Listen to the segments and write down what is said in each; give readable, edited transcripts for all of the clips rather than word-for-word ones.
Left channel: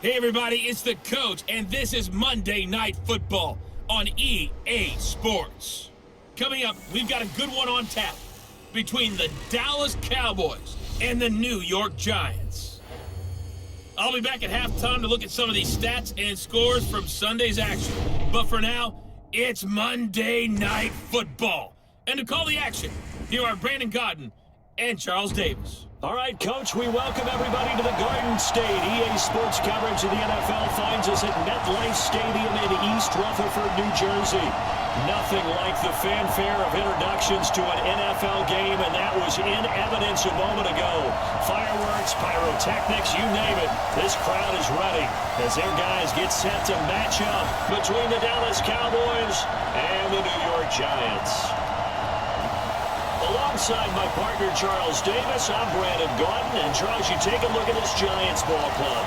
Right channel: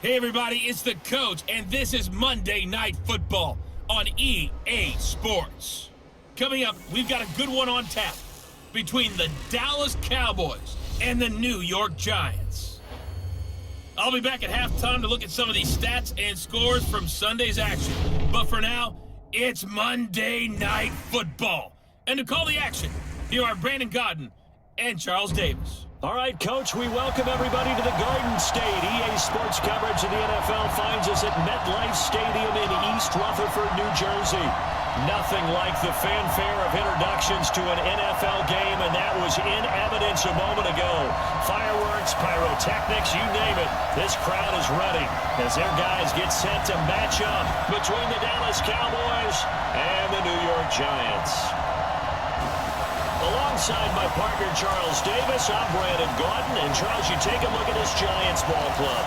Hey everybody, it's the coach, and this is Monday Night Football on EA Sports. Coming up, we've got a good one on tap between the Dallas Cowboys and the New York Giants. I'll be back at halftime to look at some of these stats and scores from Sunday's action. But for now, it's Monday Night Football. And to call the action, here are Brandon Godden and Charles Davis. All right, Coach, we welcome everybody to the Garden State. EA Sports coverage of the NFL finds us at MetLife Stadium in East Rutherford, New Jersey. Nothing like the fanfare of introductions to an NFL game, and that was in evidence a moment ago. Fireworks, pyrotechnics, you name it. This crowd is ready as their guys get set to match up between the Dallas Cowboys and the New York Giants. Alongside my partner, Charles Davis, I'm Brandon Godden. And, Charles, you take a look at this Giants ball club.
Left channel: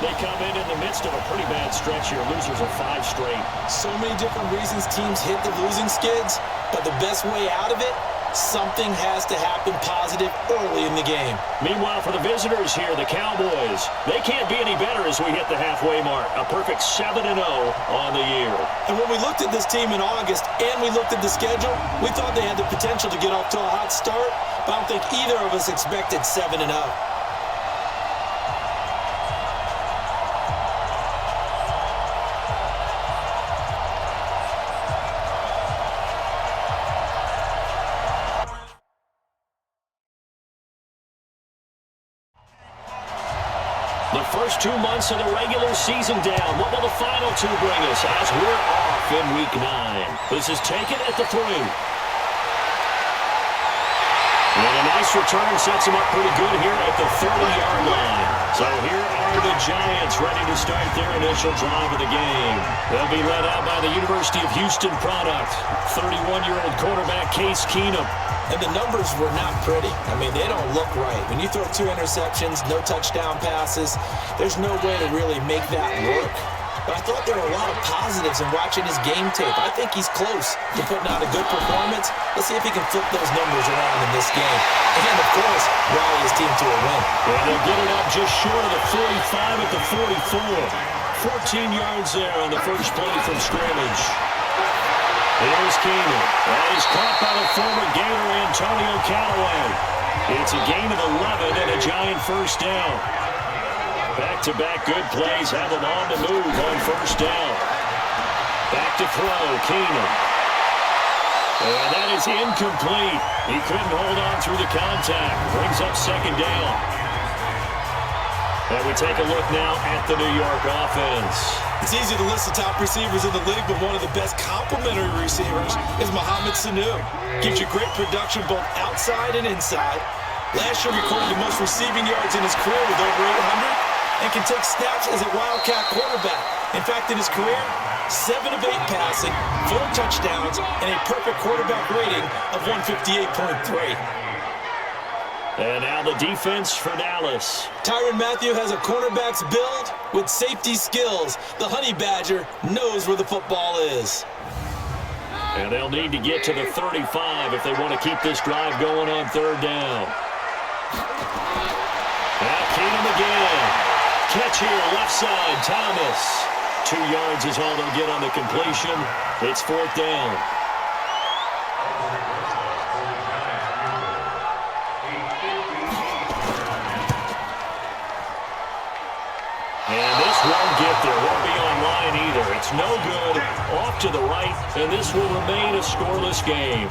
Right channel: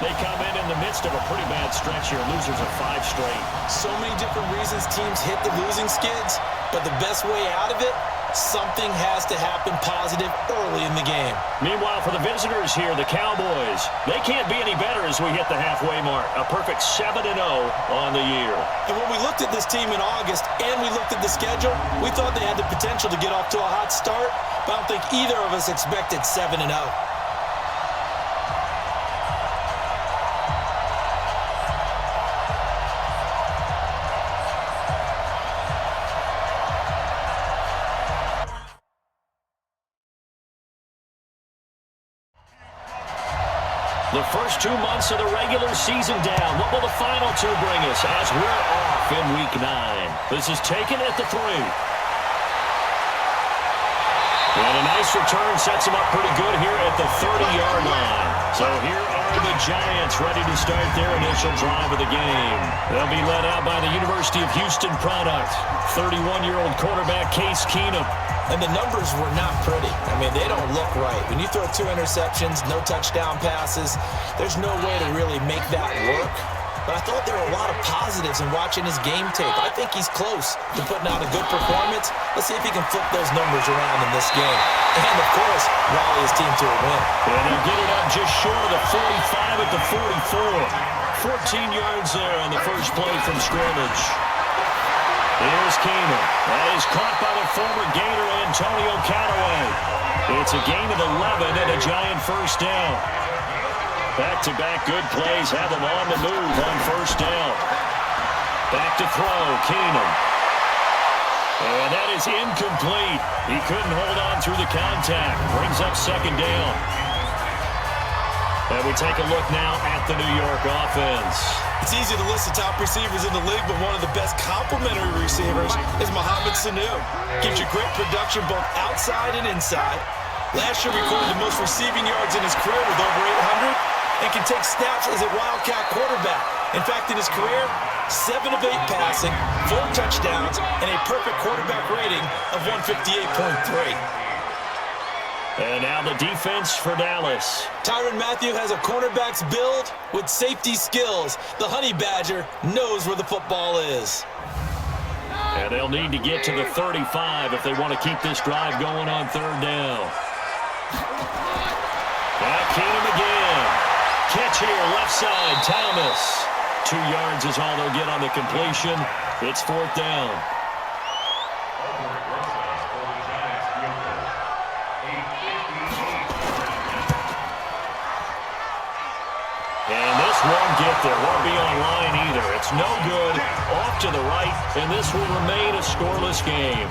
They come in the midst of a pretty bad stretch here. Losers of 5 straight. So many different reasons teams hit the losing skids, but the best way out of it, something has to happen positive early in the game. Meanwhile, for the visitors here, the Cowboys, they can't be any better as we hit the halfway mark. A perfect 7-0 on the year. And when we looked at this team in August and we looked at the schedule, we thought they had the potential to get off to a hot start, but I don't think either of us expected 7-0. The first 2 months of the regular season down. What will the final 2 bring us as we're off in Week 9? This is taken at the 3. And a nice return sets them up pretty good here at the 30-yard line. So here are the Giants ready to start their initial drive of the game. They'll be led out by the University of Houston product, 31-year-old quarterback Case Keenum. And the numbers were not pretty. I mean, they don't look right. When you throw 2 interceptions, no touchdown passes, there's no way to really make that work. But I thought there were a lot of positives in watching his game tape. I think he's close to putting out a good performance. Let's see if he can flip those numbers around in this game. And, of course, rally his team to a win. And they'll get it up just short of the 45 at the 44. 14 yards there on the first play from scrimmage. Here's Keenum. That is caught by the former Gator Antonio Callaway. It's a gain of 11 and a Giant first down. Back-to-back good plays have them on the move on first down. Back to throw, Keenum. And that is incomplete. He couldn't hold on through the contact. Brings up second down. And we take a look now at the New York offense. It's easy to list the top receivers in the league, but one of the best complementary receivers is Mohamed Sanu. Gives you great production both outside and inside. Last year recorded the most receiving yards in his career with over 800 and can take snaps as a Wildcat quarterback. In fact, in his career, 7 of 8 passing, 4 touchdowns, and a perfect quarterback rating of 158.3. And now the defense for Dallas. Tyrann Mathieu has a cornerback's build with safety skills. The Honey Badger knows where the football is. And they'll need to get to the 35 if they want to keep this drive going on third down. Now Keenum again. Catch here, left side, Thomas. 2 yards is all they'll get on the completion. It's fourth down. And this won't get there. Won't be online either. It's no good. Off to the right, and this will remain a scoreless game.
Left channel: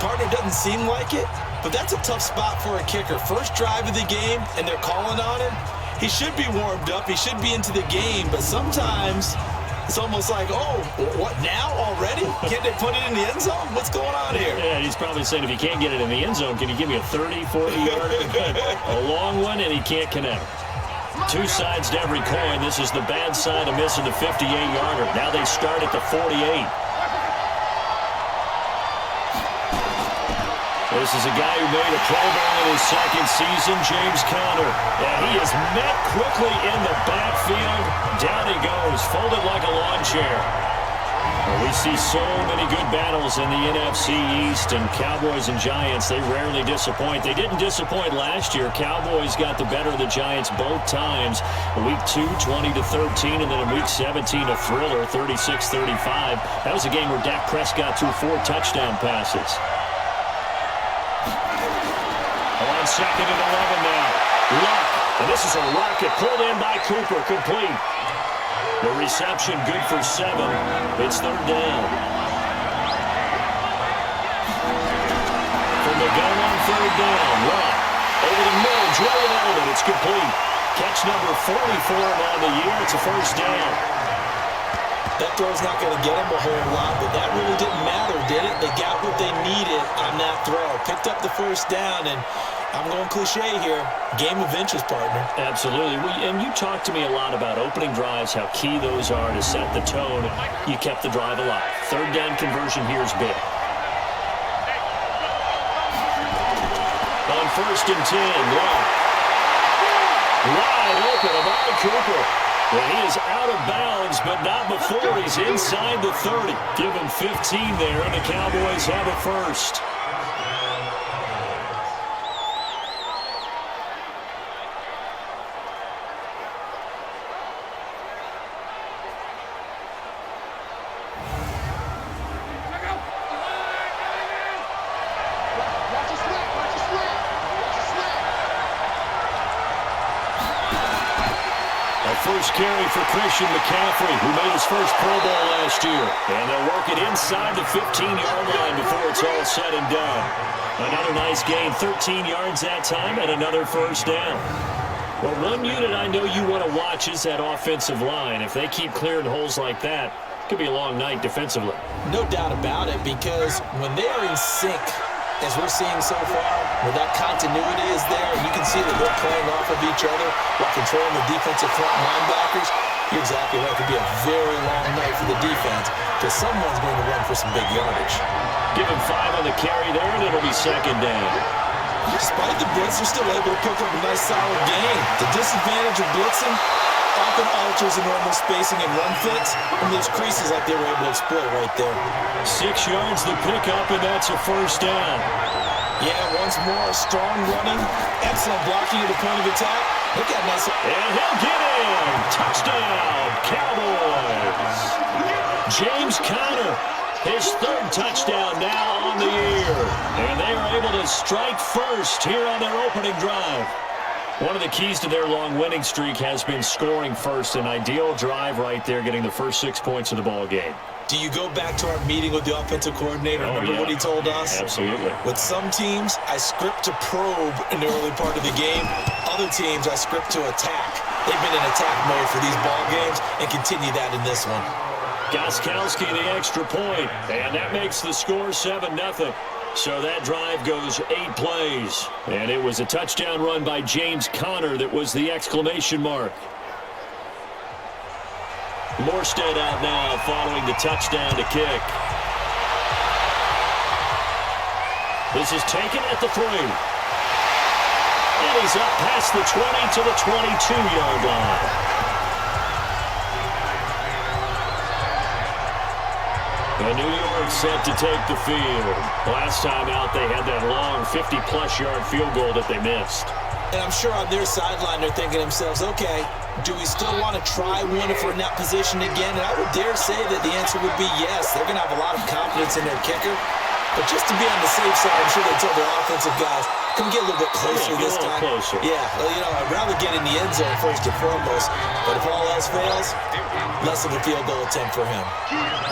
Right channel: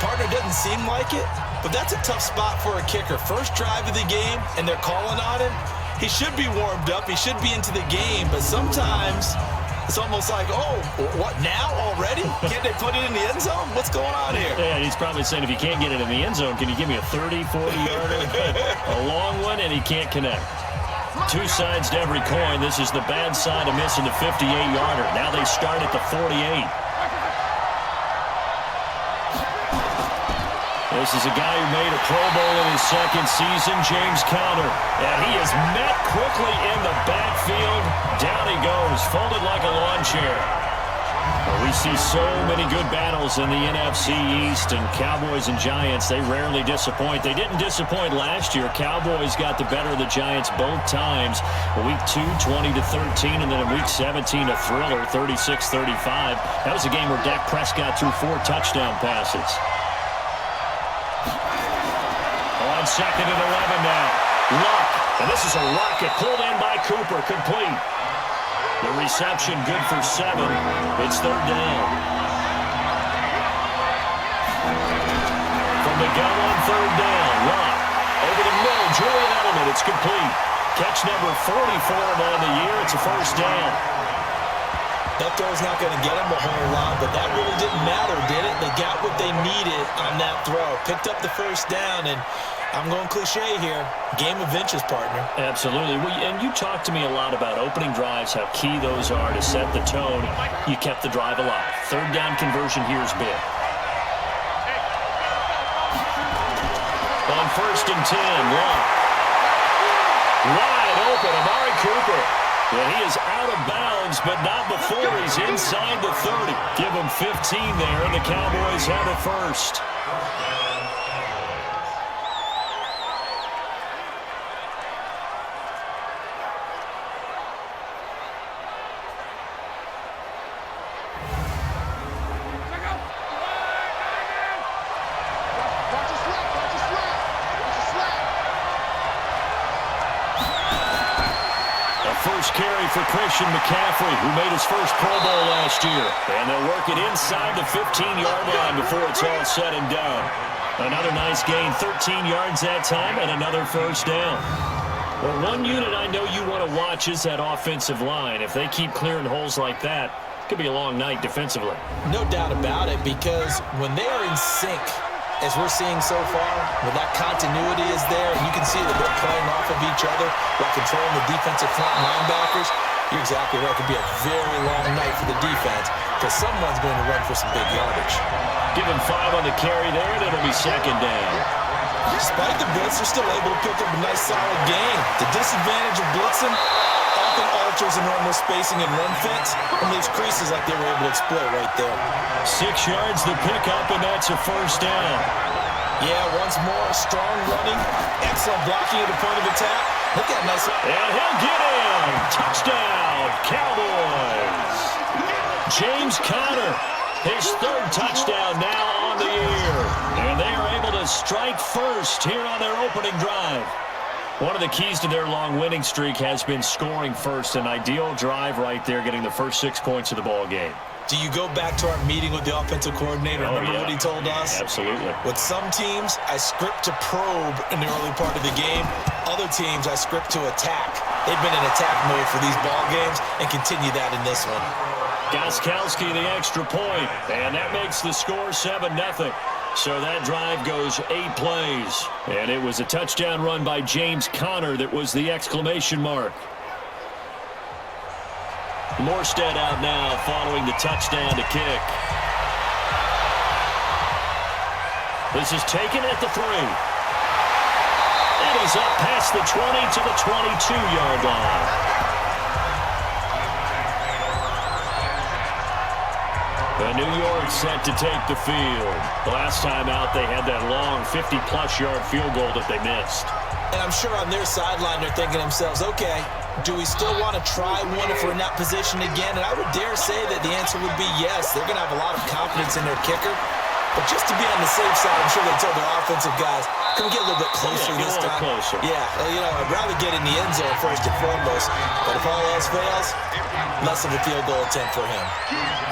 Partner doesn't seem like it, but that's a tough spot for a kicker. First drive of the game, and they're calling on him. He should be warmed up. He should be into the game, but sometimes it's almost like, oh, what, now already? Can't they put it in the end zone? What's going on here? Yeah, he's probably saying if you can't get it in the end zone, can you give me a 30, 40-yarder? A long one, and he can't connect. 2 sides to every coin. This is the bad side of missing the 58-yarder. Now they start at the 48. This is a guy who made a Pro Bowl in his second season, James Conner. And he is met quickly in the backfield. Down he goes, folded like a lawn chair. Well, we see so many good battles in the NFC East, and Cowboys and Giants, they rarely disappoint. They didn't disappoint last year. Cowboys got the better of the Giants both times. Week 2, 20-13, and then in Week 17, a thriller, 36-35. That was a game where Dak Prescott threw 4 touchdown passes. On 2nd and 11 now. Luck, and this is a rocket pulled in by Cooper, complete. The reception good for 7. It's 3rd down. From the gun on 3rd down. Luck over the middle. Julian Edelman. It's complete. Catch number 44 on the year. It's a 1st down. That throw's not going to get them a whole lot, but that really didn't matter, did it? They got what they needed on that throw. Picked up the 1st down, and I'm going cliche here. Game of inches, partner. Absolutely. And you talked to me a lot about opening drives, how key those are to set the tone. You kept the drive alive. 3rd down conversion here is big. On 1st and 10, Luck. Wide open, Amari Cooper. And he is out of bounds, but not before he's inside the 30. Give him 15 there, and the Cowboys have a 1st. First carry for Christian McCaffrey, who made his first Pro Bowl last year. And they'll work it inside the 15-yard line before it's all said and done. Another nice gain, 13 yards that time, and another 1st down. Well, one unit I know you want to watch is that offensive line. If they keep clearing holes like that, it could be a long night defensively. No doubt about it, because when they are in sync, as we're seeing so far, where that continuity is there, and you can see that they're playing off of each other while controlling the defensive front linebackers, you're exactly right. It could be a very long night for the defense because someone's going to run for some big yardage. Give him 5 on the carry there, and it'll be 2nd down. Despite the blitz, they're still able to pick up a nice, solid gain. The disadvantage of blitzing often alters the normal spacing and run fits and leaves creases like they were able to exploit right there. 6 yards to pick up, and that's a 1st down. Yeah, once more, strong running, excellent blocking at the point of attack. Look at nice. And he'll get in. Touchdown, Cowboys. James Conner, his 3rd touchdown now on the year. And they are able to strike first here on their opening drive. One of the keys to their long winning streak has been scoring first. An ideal drive right there, getting the first 6 points of the ball game. Do you go back to our meeting with the offensive coordinator? Remember what he told us? Absolutely. With some teams, I script to probe in the early part of the game. Other teams, I script to attack. They've been in attack mode for these ball games and continue that in this one. Gostkowski the extra point, and that makes the score 7-0. So that drive goes 8 plays. And it was a touchdown run by James Conner that was the exclamation mark. Morstead out now following the touchdown to kick. This is taken at the 3. And he's up past the 20 to the 22-yard line. And New York set to take the field. Last time out, they had that long 50-plus yard field goal that they missed. And I'm sure on their sideline, they're thinking to themselves, okay, do we still want to try one if we're in that position again? And I would dare say that the answer would be yes. They're going to have a lot of confidence in their kicker. But just to be on the safe side, I'm sure they told their offensive guys, come get a little bit closer this time. Closer. Yeah, well, you know, I'd rather get in the end zone first and foremost. But if all else fails, less of a field goal attempt for him.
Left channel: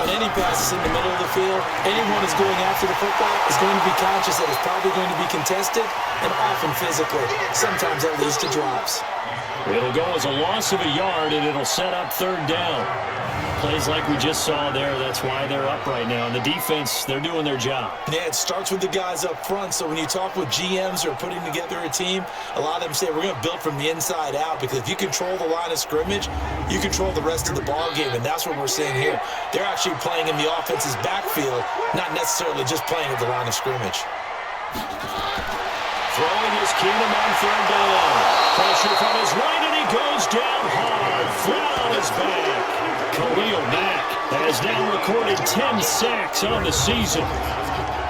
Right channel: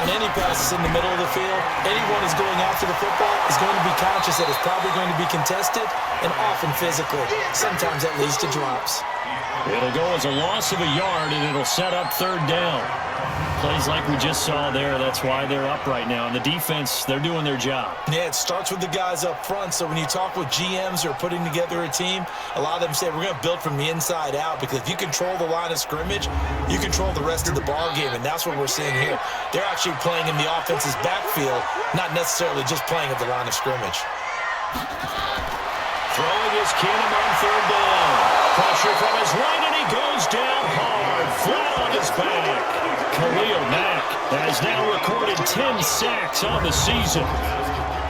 On any passes in the middle of the field, anyone who's going after the football is going to be conscious that it's probably going to be contested, and often physically. Sometimes that leads to drops. It'll go as a loss of a yard, and it'll set up 3rd down. Plays like we just saw there, that's why they're up right now. And the defense, they're doing their job. Yeah, it starts with the guys up front. So when you talk with GMs who are putting together a team, a lot of them say we're going to build from the inside out, because if you control the line of scrimmage, you control the rest of the ball game, and that's what we're seeing here. They're actually playing in the offense's backfield, not necessarily just playing at the line of scrimmage. Throwing is Keenum on 3rd down. Pressure from his right, and he goes down hard. flat on his back. Khalil Mack has now recorded 10 sacks on the season.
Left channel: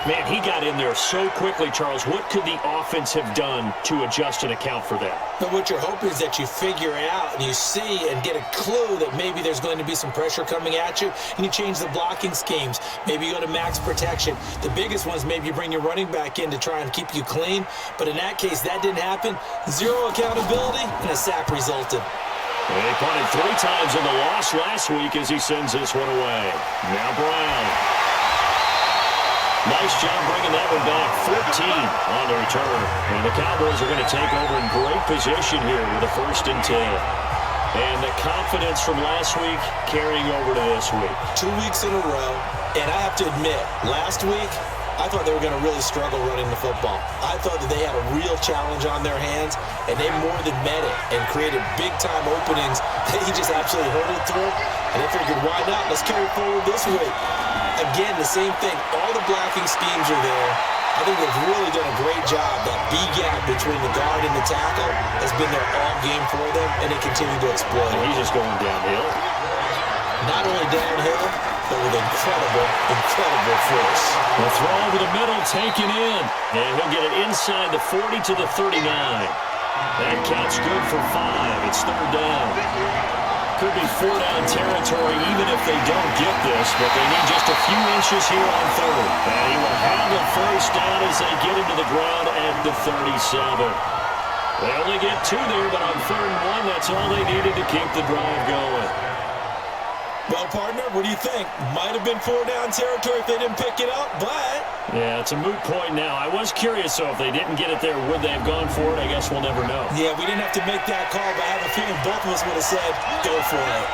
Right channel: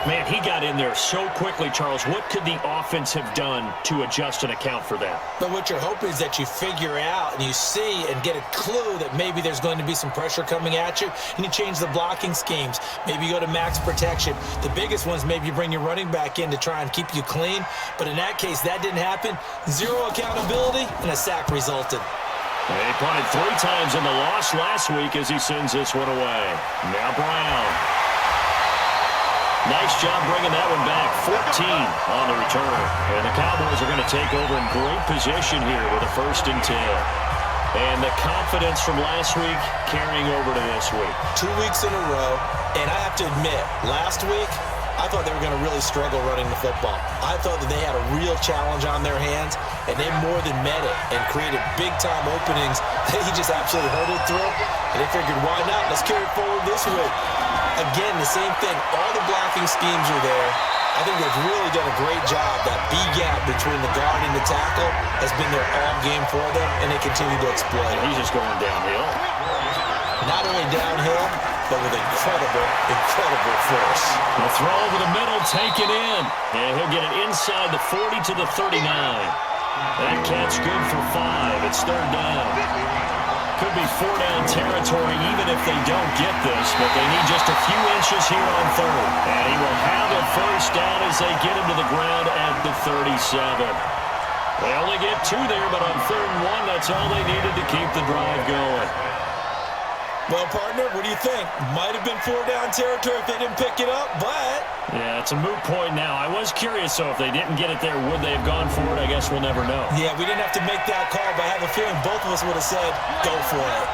Man, he got in there so quickly, Charles. What could the offense have done to adjust and account for that? But what you're hoping is that you figure out and you see and get a clue that maybe there's going to be some pressure coming at you, and you change the blocking schemes. Maybe you go to max protection. The biggest one is maybe you bring your running back in to try and keep you clean. But in that case, that didn't happen. Zero accountability, and a sack resulted. He punted 3 times in the loss last week as he sends this one away. Now Brown. Nice job bringing that one back. 14 on the return. And the Cowboys are going to take over in great position here with a 1st and 10. And the confidence from last week carrying over to this week. 2 weeks in a row. And I have to admit, last week, I thought they were going to really struggle running the football. I thought that they had a real challenge on their hands, and they more than met it and created big-time openings that he just absolutely hurdled through. And they figured, why not? Let's carry it forward this week. Again, the same thing. All the blocking schemes are there. I think they've really done a great job. That B gap between the guard and the tackle has been there all game for them, and they continue to exploit it. He's just going downhill. Not only downhill, but with incredible force. The throw over the middle taken in. And he'll get it inside the 40 to the 39. That catch good for 5. It's 3rd down. Could be 4-down territory even if they don't get this, but they need just a few inches here on 3rd. And he will have the 1st down as they get him to the ground at the 37. They only get 2 there, but on 3rd and 1, that's all they needed to keep the drive going. Well, partner, what do you think? Might have been 4-down territory if they didn't pick it up, but... Yeah, it's a moot point now. I was curious, so if they didn't get it there, would they have gone for it? I guess we'll never know. Yeah, we didn't have to make that call, but I have a feeling both of us would have said, go for it.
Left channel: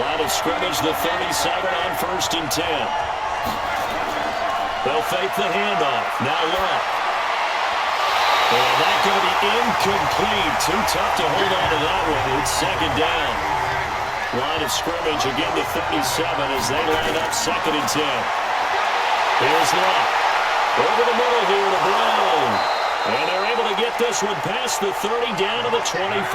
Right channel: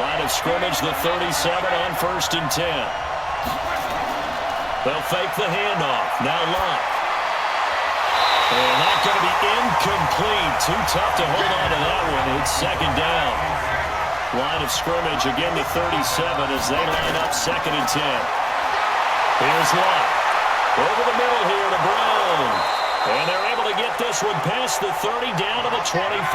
Line of scrimmage, the 37 on 1st and 10. They'll fake the handoff. Now Luck. And that's going to be incomplete. Too tough to hold on to that one. It's 2nd down. Line of scrimmage, again the 37 as they line up 2nd and 10. Here's Luck. Over the middle here to Brown. And they're able to get this one past the 30 down to the 25.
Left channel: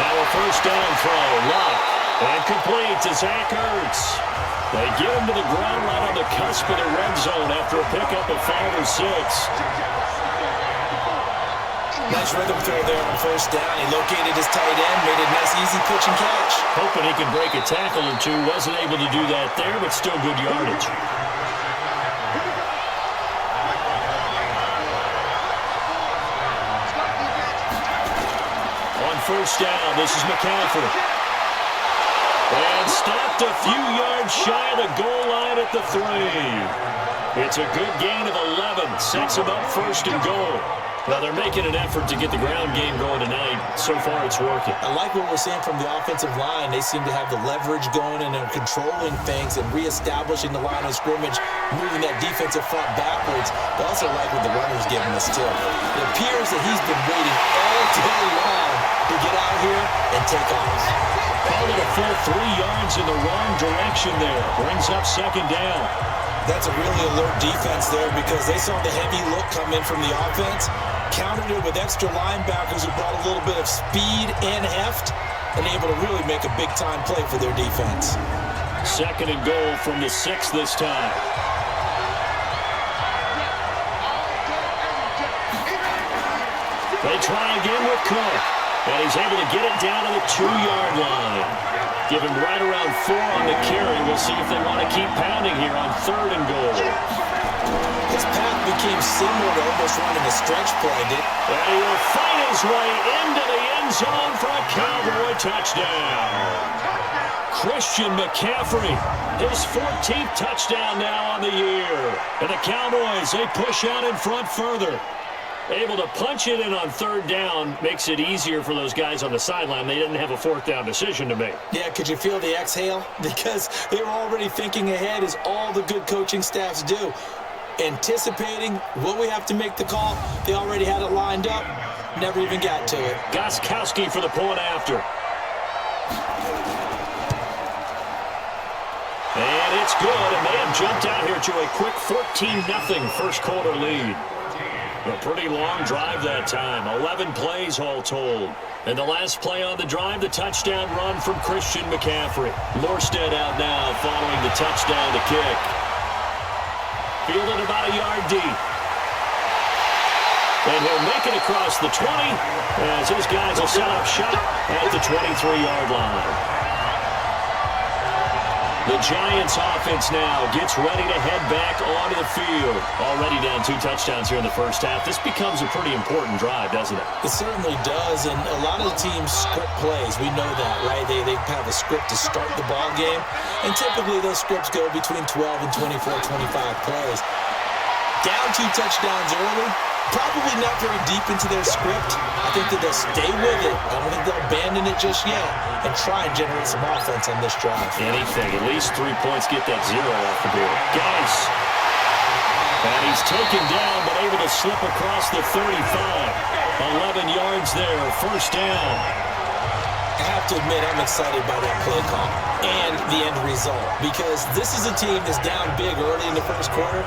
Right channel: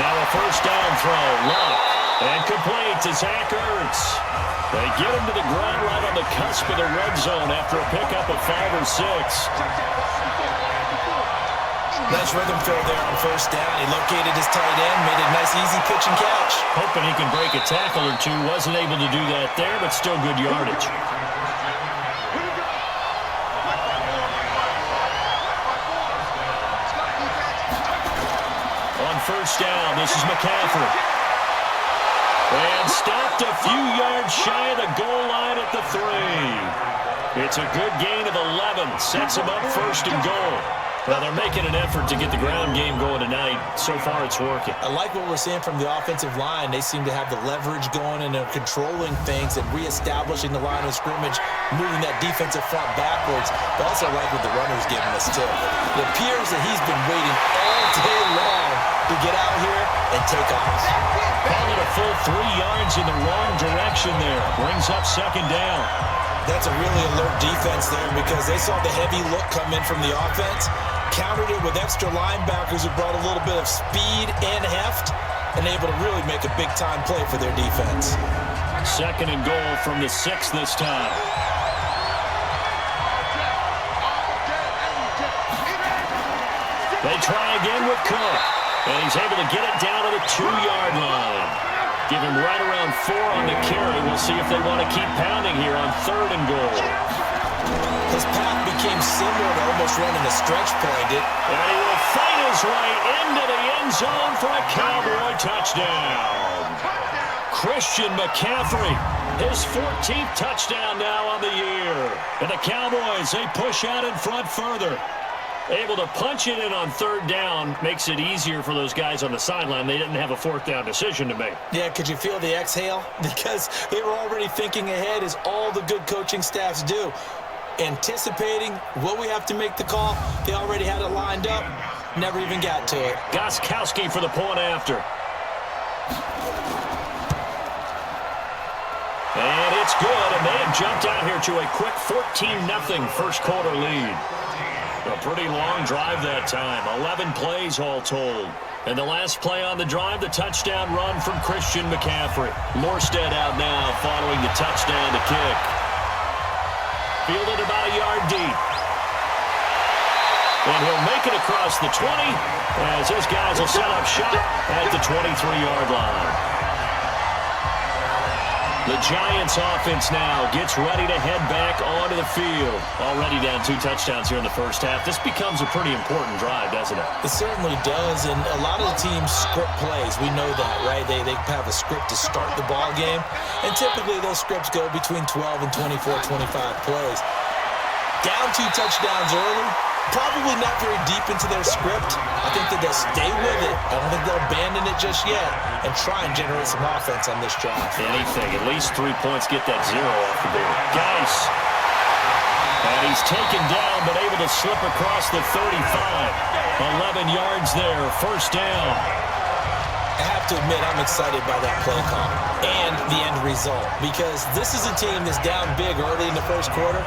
Now a 1st down throw. Luck. And complete to Zach Ertz. They get him to the ground right on the cusp of the red zone after a pickup of 5 or 6. Nice rhythm throw there on 1st down. He located his tight end, made a nice easy pitch and catch. Hoping he can break a tackle or 2. Wasn't able to do that there, but still good yardage. On 1st down, this is McCaffrey. And stopped a few yards shy of the goal line at the 3. It's a good gain of 11. Sets him up 1st and goal. Well, they're making an effort to get the ground game going tonight. So far, it's working. I like what we're seeing from the offensive line. They seem to have the leverage going, and they're controlling things and reestablishing the line of scrimmage, moving that defensive front backwards. But also like what the runner's giving us, too. It appears that he's been waiting all day long to get out here and take off. Called it a full 3 yards in the wrong direction there. Brings up 2nd down. That's a really alert defense there because they saw the heavy look come in from the offense, countered it with extra linebackers who brought a little bit of speed and heft, and able to really make a big-time play for their defense. 2nd and goal from the 6 this time. They try again with Cook, and he's able to get it down to the 2-yard line. Give him right around 4 on the carry. We'll see if they want to keep pounding here on 3rd and goal. His path became similar to almost running a stretch play, and he will fight his way into the end zone for a Cowboy touchdown. Christian McCaffrey, his 14th touchdown now on the year. And the Cowboys, they push out in front further. Able to punch it in on 3rd down makes it easier for those guys on the sideline. They didn't have a 4th down decision to make. Yeah, could you feel the exhale? Because they were already thinking ahead, as all the good coaching staffs do. Anticipating what we have to make the call. They already had it lined up. Never even got to it. Gostkowski for the point after. And it's good, and they have jumped out here to a quick 14-0 first quarter lead. A pretty long drive that time, 11 plays all told. And the last play on the drive, the touchdown run from Christian McCaffrey. Morstead out now following the touchdown to kick. Fielded about a yard deep. And he'll make it across the 20 as his guys will set up shop at the 23-yard line. The Giants offense now gets ready to head back onto the field. Already down 2 touchdowns here in the first half. This becomes a pretty important drive, doesn't it? It certainly does, and a lot of the teams script plays. We know that, right? They have a script to start the ball game, and typically those scripts go between 12 and 24, 25 plays. Down 2 touchdowns early, probably not very deep into their script. I think that they'll stay with it. I don't think they'll abandon it just yet and try and generate some offense on this drive. Anything. At least 3 points, get that 0 off the board. Geis. And he's taken down but able to slip across the 35. 11 yards there. First down. I have to admit I'm excited by that play call and the end result because this is a team that's down big early in the first quarter.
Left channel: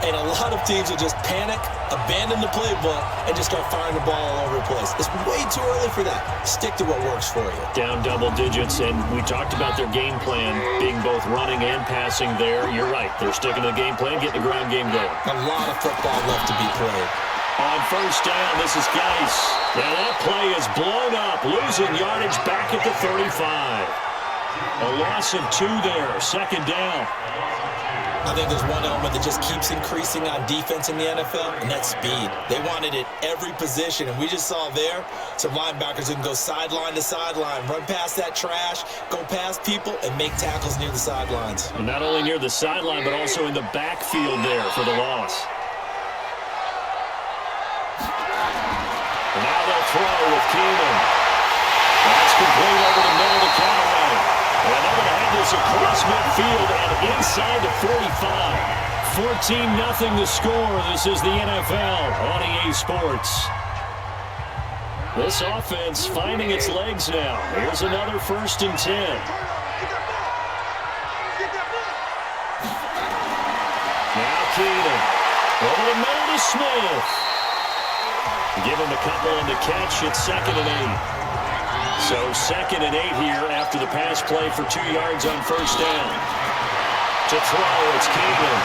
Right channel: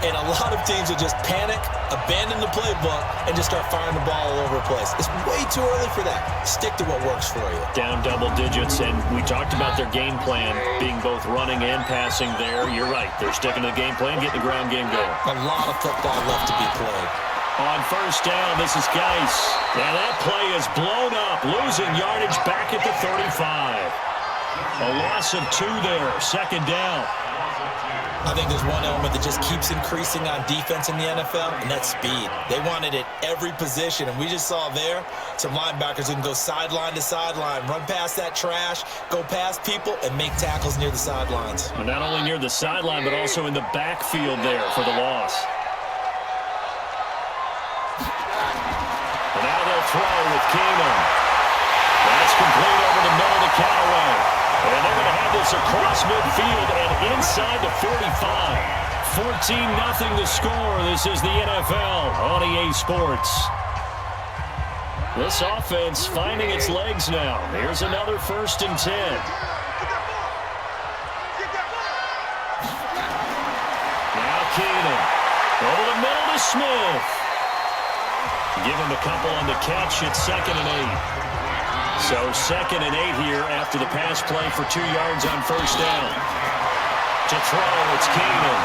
And a lot of teams will just panic, abandon the playbook, and just start firing the ball all over the place. It's way too early for that. Stick to what works for you. Down double digits, and we talked about their game plan being both running and passing there. You're right. They're sticking to the game plan, getting the ground game going. A lot of football left to be played. On first down, this is Geis. And that play is blown up, losing yardage back at the 35. A loss of 2 there, second down. I think there's one element that just keeps increasing on defense in the NFL, and that's speed. They want it at every position, and we just saw there some linebackers who can go sideline to sideline, run past that trash, go past people, and make tackles near the sidelines. And not only near the sideline, but also in the backfield there for the loss. And now they'll throw with Keenum. That's complete over the middle to Callaway. And they're going to have this across midfield and inside the 45. 14-0 the score. This is the NFL on EA Sports. This offense finding its legs now. Here's another 1st and 10. Now Keenum. Over the middle to Smith. Give him a couple on the catch. It's 2nd and 8. So 2nd and 8 here after the pass play for 2 yards on first down. To throw, it's Keenum.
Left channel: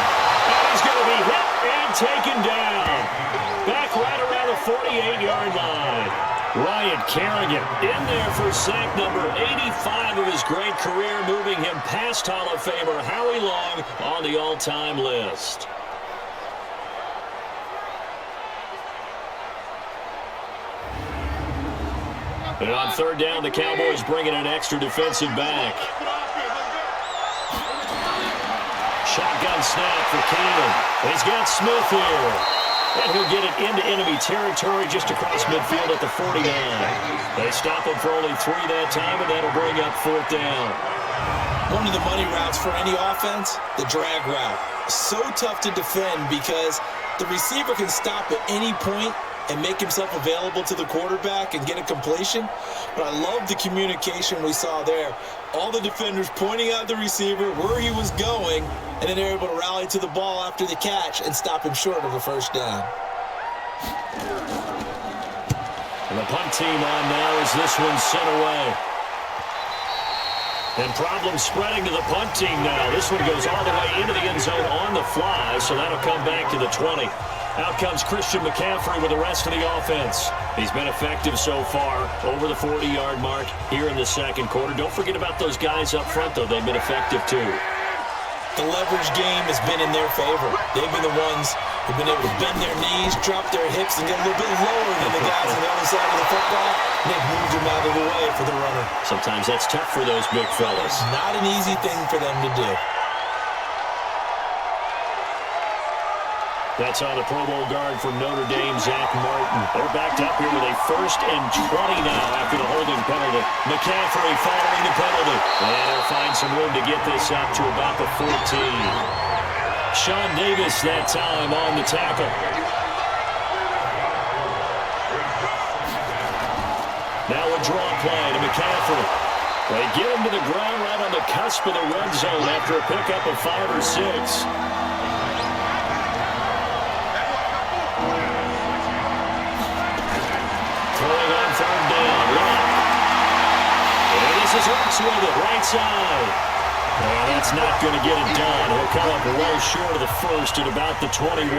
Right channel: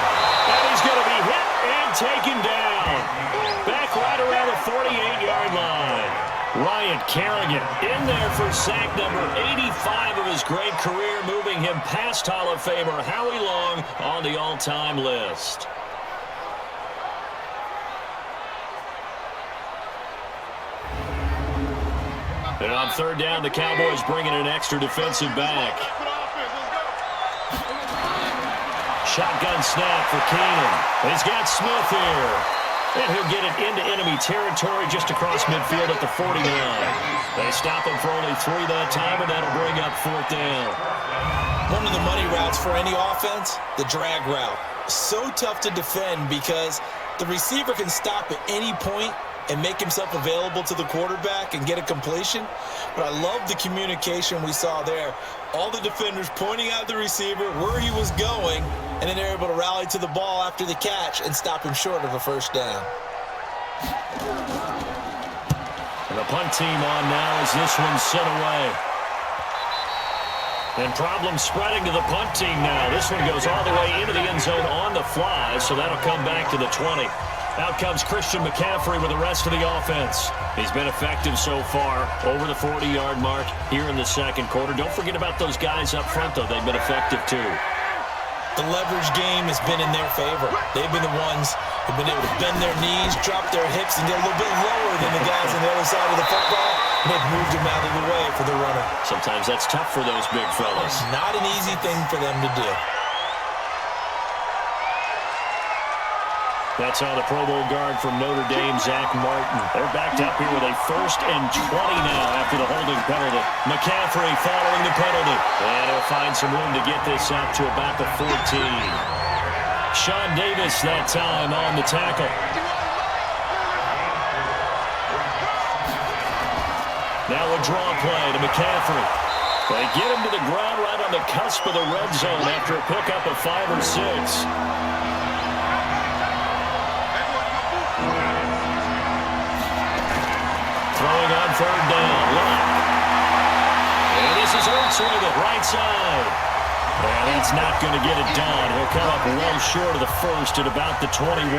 And he's going to be hit and taken down. Back right around the 48-yard line. Ryan Kerrigan in there for sack number 85 of his great career, moving him past Hall of Famer Howie Long on the all-time list. And on third down, the Cowboys bring in an extra defensive back. Shotgun snap for Keenum. He's got Smith here. And he'll get it into enemy territory just across midfield at the 49. They stop him for only 3 that time, and that'll bring up 4th down. One of the money routes for any offense, the drag route. So tough to defend because the receiver can stop at any point and make himself available to the quarterback and get a completion. But I love the communication we saw there. All the defenders pointing out the receiver, where he was going, and then they're able to rally to the ball after the catch and stop him short of a first down. And the punt team on now as this one's sent away. And problem spreading to the punt team now. This one goes all the way into the end zone on the fly, so that'll come back to the 20. Out comes Christian McCaffrey with the rest of the offense. He's been effective so far, over the 40-yard mark here in the second quarter. Don't forget about those guys up front, though. They've been effective, too. The leverage game has been in their favor. They've been the ones who've been able to bend their knees, drop their hips, and get a little bit lower than the guys on the other side of the football. And they've moved them out of the way for the runner. Sometimes that's tough for those big fellas. Not an easy thing for them to do. That's on the Pro Bowl guard from Notre Dame, Zach Martin. They're backed up here with a 1st and 20 now after the holding penalty. McCaffrey following the penalty. And he'll find some room to get this up to about the 14. Sean Davis that time on the tackle. Now a draw play to McCaffrey. They get him to the ground right on the cusp of the red zone after a pickup of 5 or 6. Throwing on third down. Lock. And this is Hurts with it. Right side. And that's not going to get it done. He'll come up well short of the first at about the 21.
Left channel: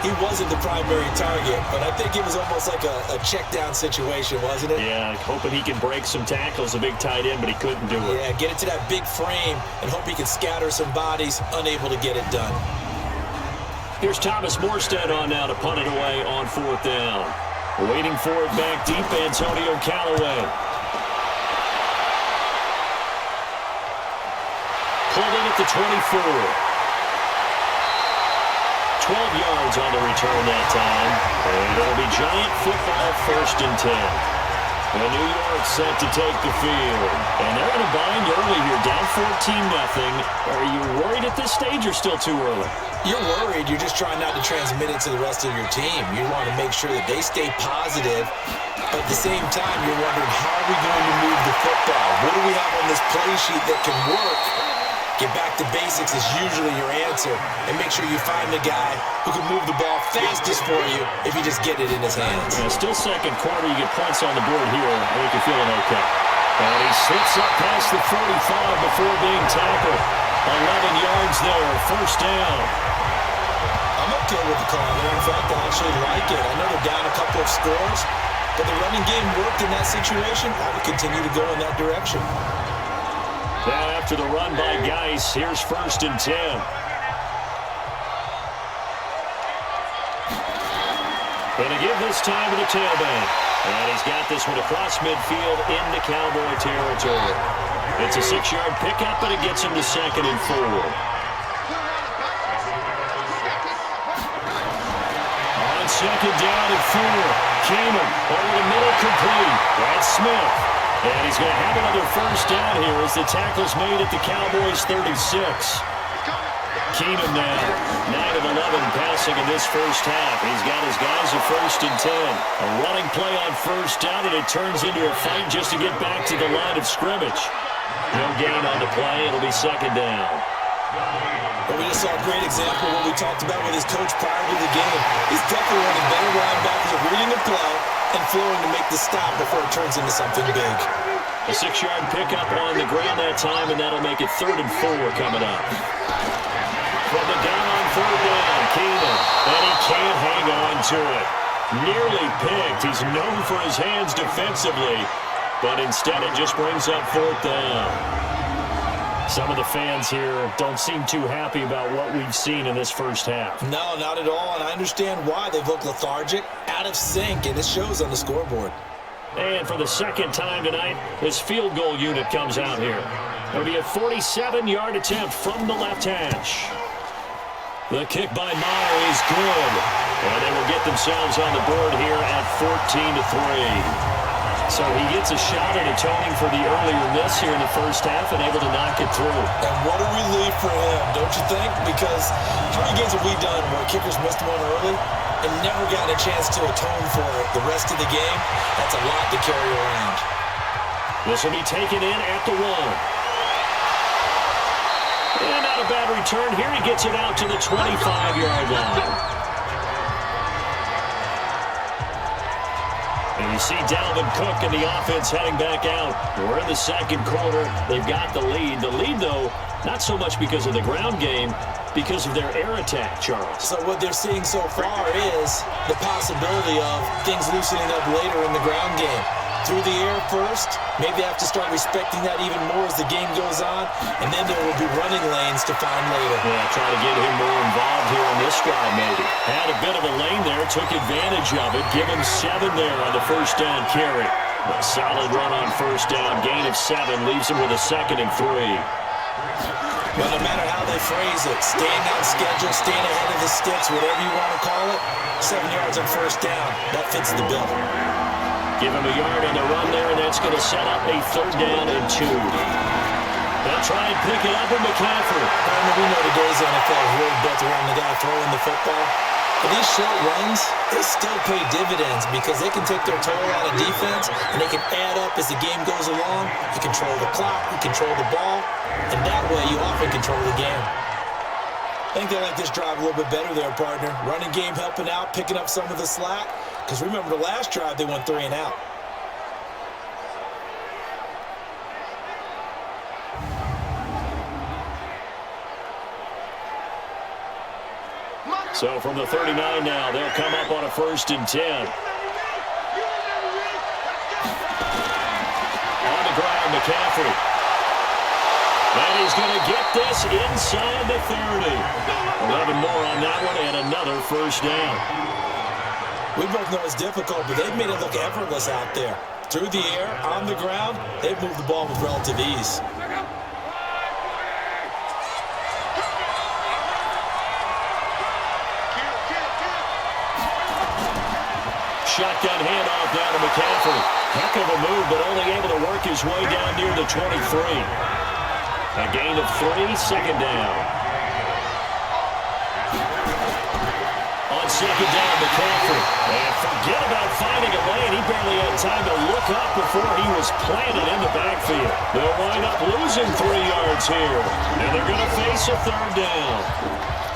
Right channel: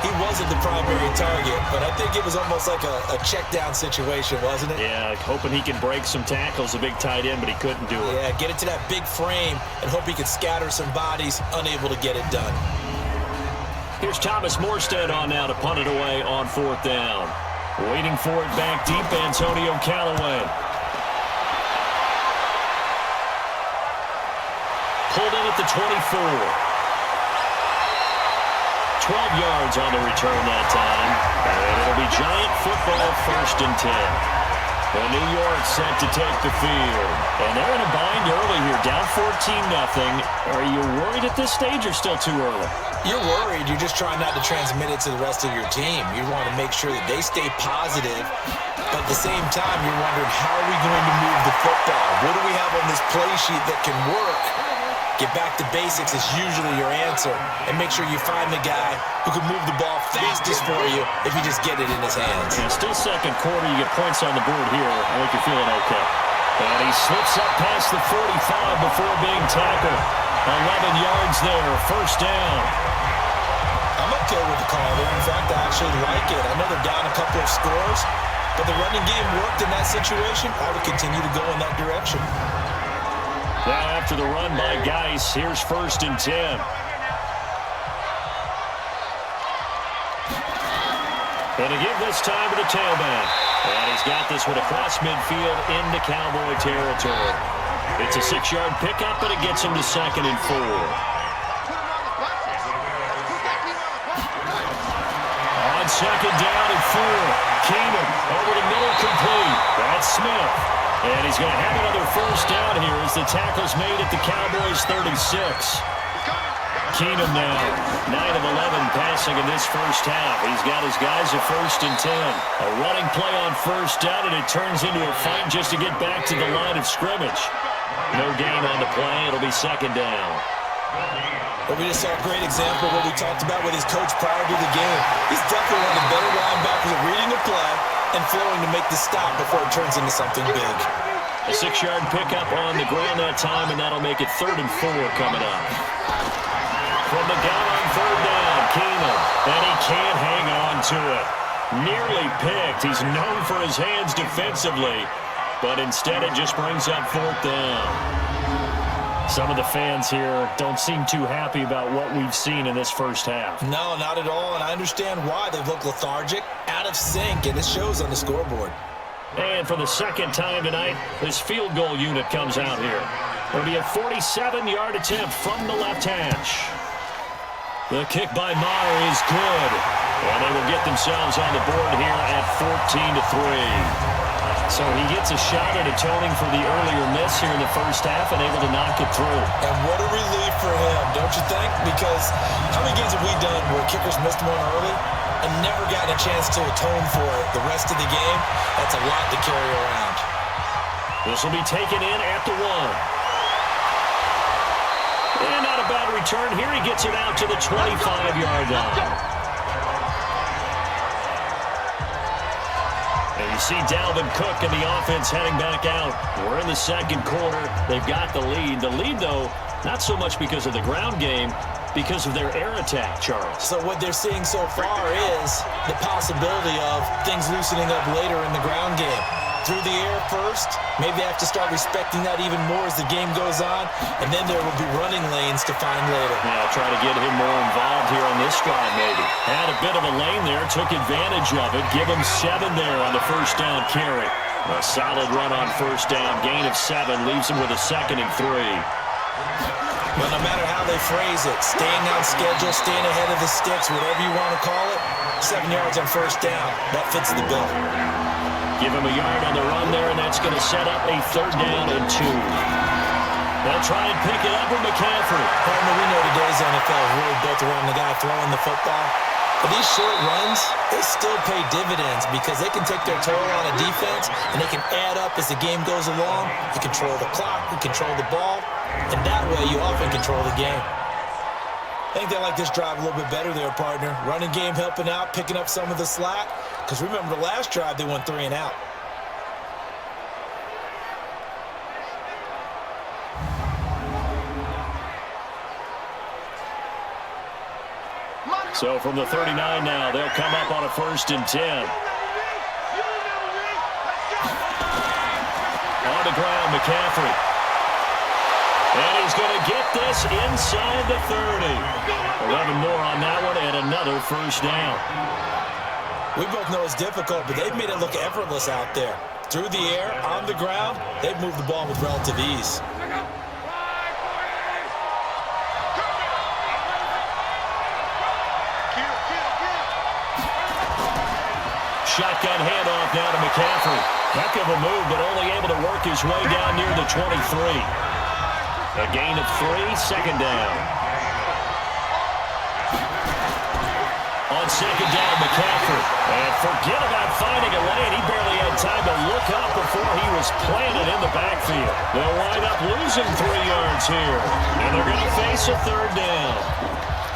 He wasn't the primary target, but I think it was almost like a check down situation, wasn't it? Yeah, hoping he can break some tackles, a big tight end, but he couldn't do it. Yeah, get it to that big frame and hope he can scatter some bodies, unable to get it done. Here's Thomas Morstead on now to punt it away on fourth down. Waiting for it back deep, Antonio Callaway. Pulled in at the 24. 12 yards on the return that time. And it'll be Giant football, 1st and 10. And New York set to take the field. And they're in a bind early here, down 14-0. Are you worried at this stage or still too early? You're worried. You're just trying not to transmit it to the rest of your team. You want to make sure that they stay positive. But at the same time, you're wondering, how are we going to move the football? What do we have on this play sheet that can work? Get back to basics is usually your answer. And make sure you find the guy who can move the ball fastest for you if you just get it in his hands. Yeah, still second quarter. You get points on the board here. I think you're feeling okay. And he slips up past the 45 before being tackled. 11 yards there. 1st down. I'm okay with the call there. In fact, I actually like it. I know they're down a couple of scores, but the running game worked in that situation. I would continue to go in that direction. Now after the run by Geis, here's 1st and 10. Going to give this time to the tailback. And he's got this one across midfield into Cowboy territory. It's a 6-yard pickup, but it gets him to 2nd and 4. On 2nd down and 4. Keenum over the middle, complete. That's Smith. And he's going to have another 1st down here as the tackle's made at the Cowboys' 36. Keenum now, 9 of 11 passing in this first half. He's got his guys at 1st and 10. A running play on 1st down, and it turns into a fight just to get back to the line of scrimmage. No gain on the play. It'll be 2nd down. But we just saw a great example of what we talked about with his coach prior to the game. He's definitely one of the better linebackers at reading the play and flowing to make the stop before it turns into something big. A 6-yard pickup on the ground that time, and that'll make it 3rd and 4 coming up. From the gun on 3rd down, Keenum, and he can't hang on to it. Nearly picked. He's known for his hands defensively, but instead it just brings up 4th down. Some of the fans here don't seem too happy about what we've seen in this first half. No, not at all, and I understand why. They've looked lethargic, out of sync, and it shows on the scoreboard. And for the 2nd time tonight, this field goal unit comes out here. It'll be a 47-yard attempt from the left hash. The kick by Maher is good, and they will get themselves on the board here at 14-3. So he gets a shot at atoning for the earlier miss here in the first half and able to knock it through. And what a relief for him, don't you think? Because how many games have we done where kickers missed one early and never gotten a chance to atone for it the rest of the game? That's a lot to carry around. This will be taken in at the 1. And not a bad return here. He gets it out to the 25-yard line. And you see Dalvin Cook and the offense heading back out. We're in the 2nd quarter. They've got the lead. The lead, though, not so much because of the ground game, because of their air attack, Charles. So what they're seeing so far is the possibility of things loosening up later in the ground game. Through the air first, maybe they have to start respecting that even more as the game goes on, and then there will be running lanes to find later. Yeah, try to get him more involved here on this drive maybe. Had a bit of a lane there, took advantage of it. Give him 7 there on the 1st down carry. A solid run on 1st down, gain of 7, leaves him with a 2nd and 3. But no matter how they phrase it, staying on schedule, staying ahead of the sticks, whatever you want to call it, 7 yards on 1st down, that fits the bill. Give him a yard on the run there, and that's going to set up a 3rd down and 2. They'll try and pick it up with McCaffrey. Partner, we know today's NFL is really built around the guy throwing the football. But these short runs, they still pay dividends because they can take their toll on a defense and they can add up as the game goes along. You control the clock, you control the ball, and that way you often control the game. I think they like this drive a little bit better there, partner. Running game helping out, picking up some of the slack. Because remember, the last drive, they went 3 and out. So from the 39 now, they'll come up on a 1st and 10. On the ground, McCaffrey. And he's going to get this inside the 30. 11 more on that one and another 1st down. We both know it's difficult, but they've made it look effortless out there. Through the air, on the ground, they've moved the ball with relative ease. Shotgun handoff now to McCaffrey. Heck of a move, but only able to work his way down near the 23. A gain of 3, 2nd down. On 2nd down, McCaffrey. And forget about finding a lane. He barely had time to look up before he was planted in the backfield. They'll wind up losing 3 yards here. And they're going to face a 3rd down.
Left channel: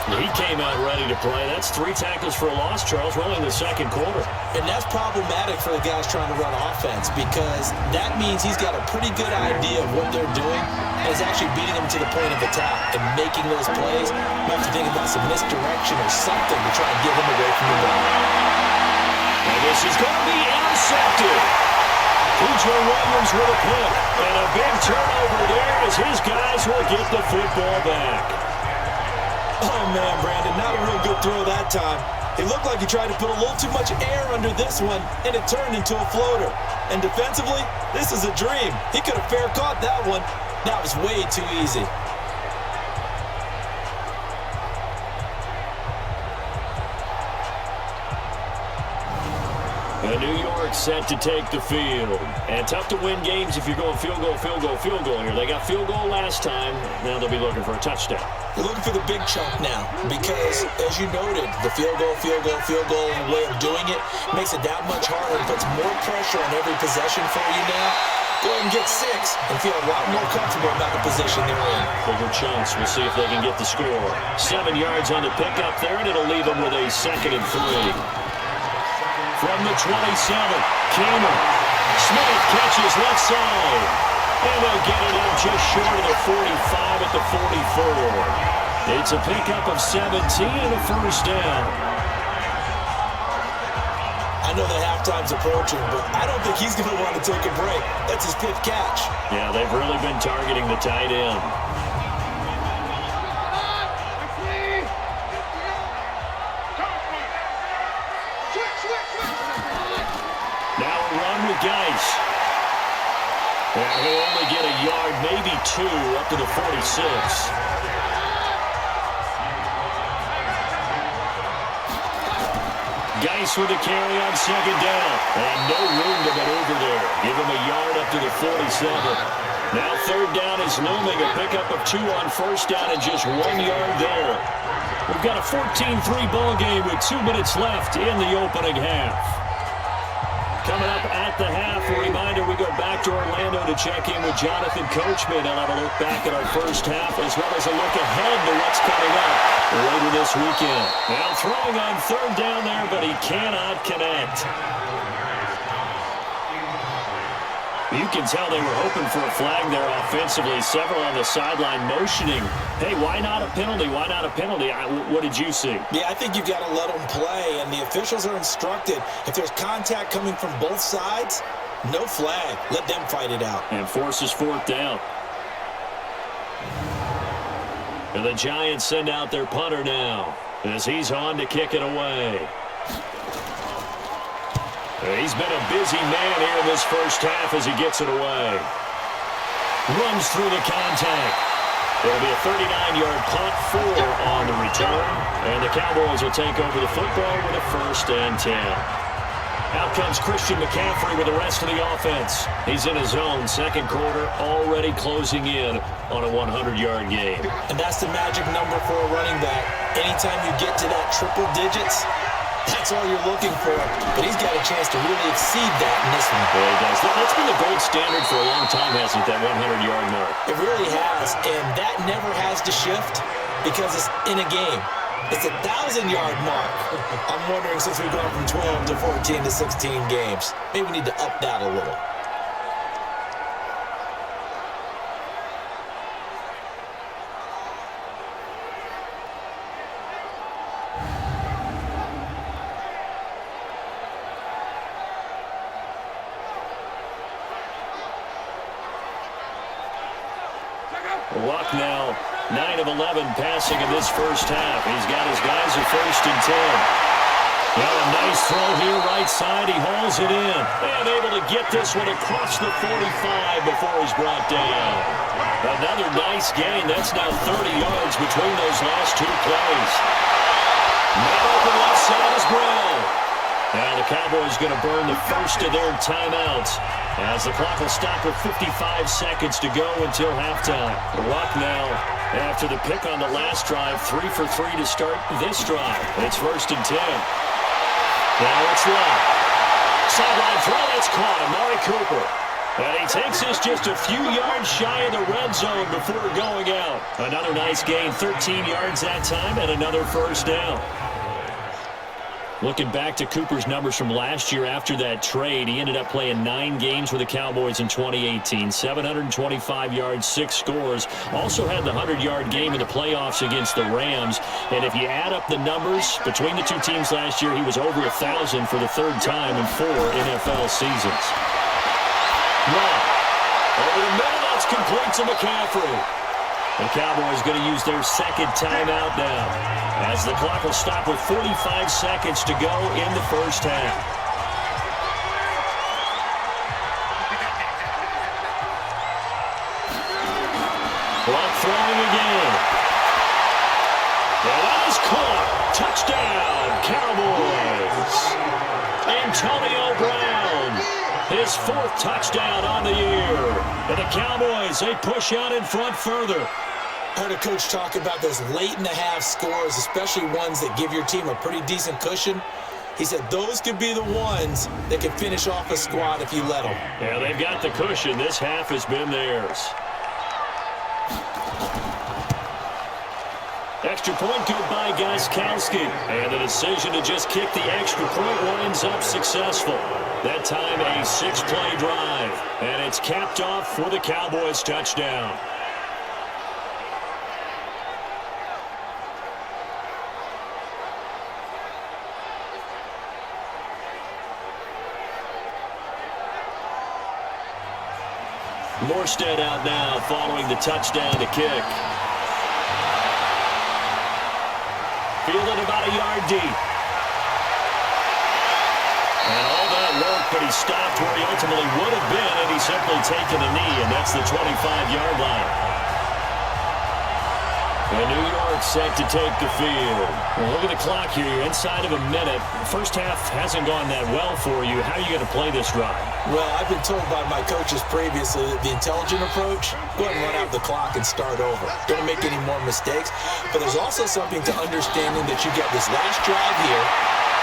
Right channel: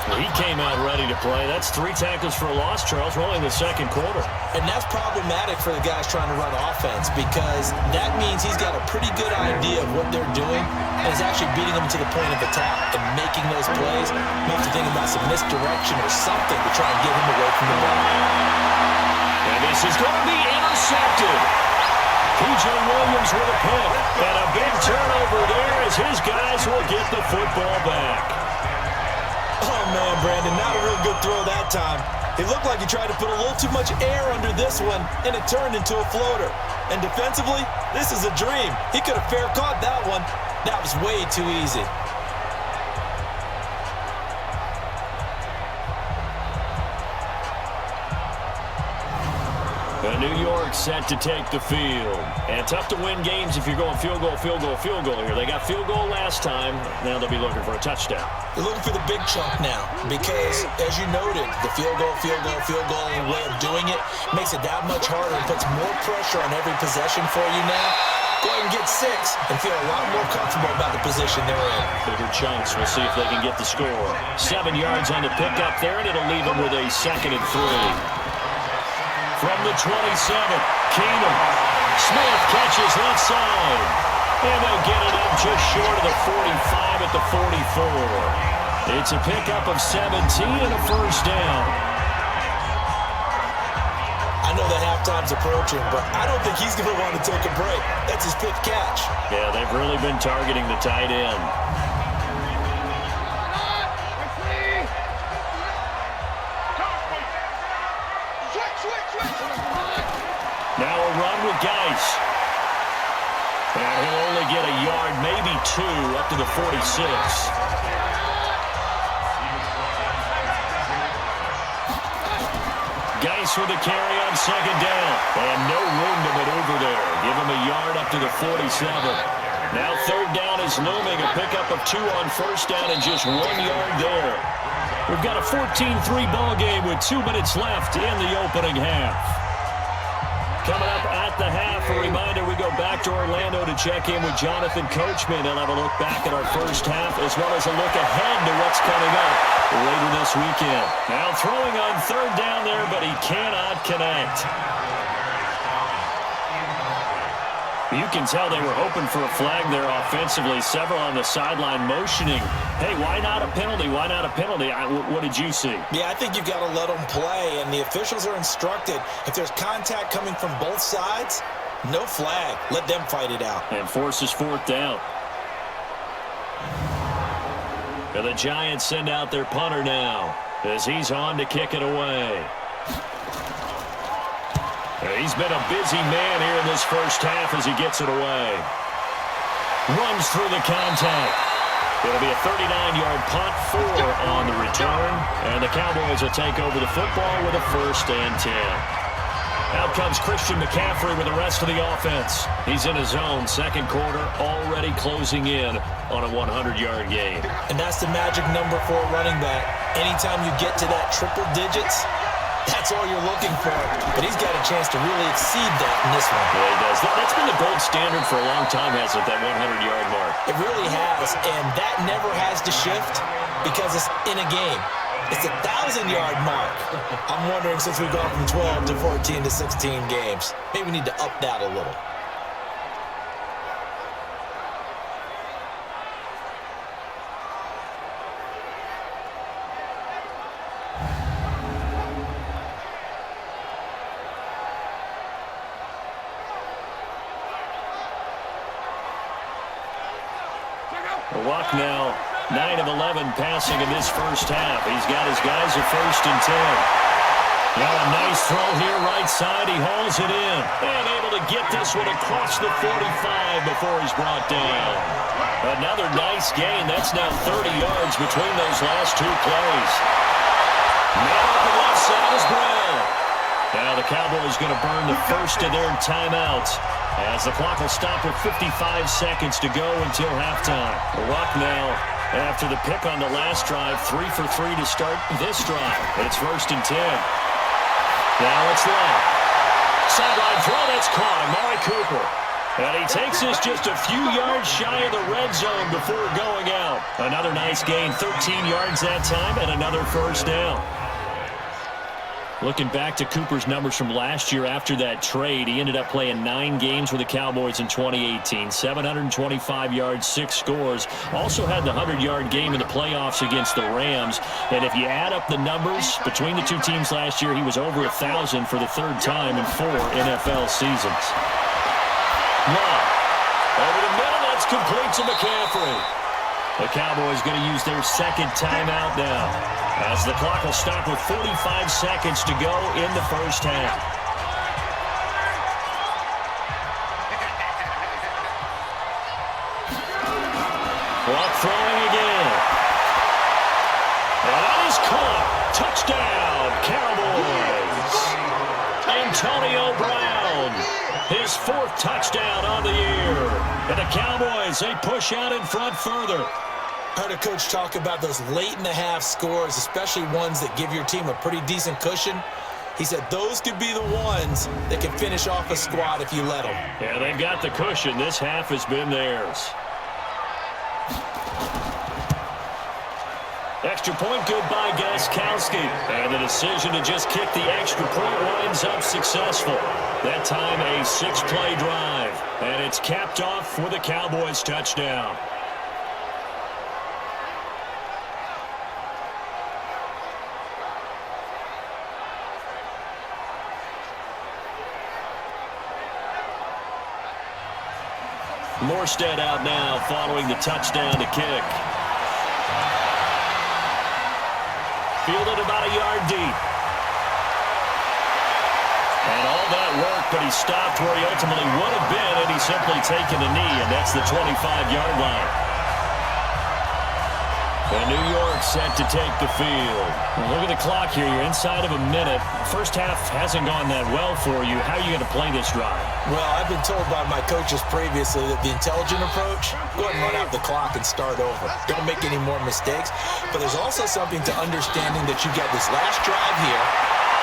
He came out ready to play. That's 3 tackles for a loss, Charles. We're only in the 2nd quarter. And that's problematic for the guys trying to run offense because that means he's got a pretty good idea of what they're doing and is actually beating them to the point of attack and making those plays. You have to think about some misdirection or something to try and get him away from the ball. And this is going to be intercepted. P.J. Williams with a pick. And a big turnover there as his guys will get the football back. Oh, man, Brandon, not a real good throw that time. It looked like he tried to put a little too much air under this one, and it turned into a floater. And defensively, this is a dream. He could have fair caught that one. That was way too easy. New York set to take the field. And tough to win games if you're going field goal, field goal, field goal here. They got field goal last time. Now they'll be looking for a touchdown. They're looking for the big chunk now because, as you noted, the field goal way of doing it makes it that much harder and puts more pressure on every possession for you now. Go ahead and get 6 and feel a lot more comfortable about the position they're in. Bigger chunks. We'll see if they can get the score. 7 yards on the pickup there, and it'll leave them with a 2nd and 3. From the 27, Keenum. Smith catches left side. And they'll get it up just short of the 45 at the 44. It's a pickup of 17 and a 1st down. I know that halftime's approaching, but I don't think he's going to want to take a break. That's his 5th catch. Yeah, they've really been targeting the tight end. Now a run with Geis. And he'll only get a yard, maybe 2, up to the 46. Geis with a carry on 2nd down. And no room to maneuver there. Give him a yard up to the 47. Now 3rd down is looming. A pickup of 2 on 1st down and just 1 yard there. We've got a 14-3 ball game with 2 minutes left in the opening half. Coming up at the half, a reminder, we go back to Orlando to check in with Jonathan Coachman. He'll have a look back at our first half as well as a look ahead to what's coming up later this weekend. Now throwing on 3rd down there, but he cannot connect. You can tell they were hoping for a flag there offensively. Several on the sideline motioning, hey, why not a penalty? Why not a penalty? What did you see? Yeah, I think you've got to let them play, and the officials are instructed. If there's contact coming from both sides, no flag. Let them fight it out. And forces 4th down. And the Giants send out their punter now as he's on to kick it away. He's been a busy man here in this first half as he gets it away. Runs through the contact. It'll be a 39-yard punt, 4 on the return. And the Cowboys will take over the football with a 1st and 10. Out comes Christian McCaffrey with the rest of the offense. He's in his zone. Second quarter already closing in on a 100-yard game. And that's the magic number for a running back. Anytime you get to that triple digits, that's all you're looking for. But he's got a chance to really exceed that in this one. Yeah, he does. That's been the gold standard for a long time, hasn't it, that 100-yard mark? It really has, and that never has to shift because it's in a game. It's a 1,000-yard mark. I'm wondering, since we've gone from 12 to 14 to 16 games, maybe we need to up that a little. Luck now, 9 of 11 passing in this first half. He's got his guys at 1st and 10. Now a nice throw here, right side. He hauls it in. And able to get this one across the 45 before he's brought down. Another nice gain. That's now 30 yards between those last two plays. Man open left side is Brown. Now the Cowboys going to burn the first of their timeouts, as the clock will stop with 55 seconds to go until halftime. Luck now, after the pick on the last drive, 3 for 3 to start this drive. It's 1st and 10. Now it's Luck. Sideline throw, that's caught. Amari Cooper. And he takes this just a few yards shy of the red zone before going out. Another nice gain, 13 yards that time, and another first down. Looking back to Cooper's numbers from last year after that trade, he ended up playing 9 games with the Cowboys in 2018. 725 yards, 6 scores. Also had the 100-yard game in the playoffs against the Rams. And if you add up the numbers between the two teams last year, he was over 1,000 for the third time in 4 NFL seasons. Luck. Over the middle, that's complete to McCaffrey. The Cowboys going to use their second timeout now, as the clock will stop with 45 seconds to go in the first half. Luck throwing again. And that is caught. Touchdown, Cowboys. Antonio Brown, his 4th touchdown on the year. And the Cowboys, they push out in front further. I heard a coach talk about those late-in-the-half scores, especially ones that give your team a pretty decent cushion. He said those could be the ones that can finish off a squad if you let them. Yeah, they've got the cushion. This half has been theirs. Extra point good by Gostkowski. And the decision to just kick the extra point winds up successful. That time a 6-play drive. And it's capped off for the Cowboys touchdown. Morstead out now following the touchdown to kick. Fielded about a yard deep. And all that work, but he stopped where he ultimately would have been, and he's simply taken a knee, and that's the 25-yard line. And New York set to take the field. Well, look at the clock here. You're inside of a minute. First half hasn't gone that well for you. How are you going to play this drive? Well, I've been told by my coaches previously that the intelligent approach, go ahead and run out the clock and start over. Don't make any more mistakes. But there's also something to understanding that you get this last drive here.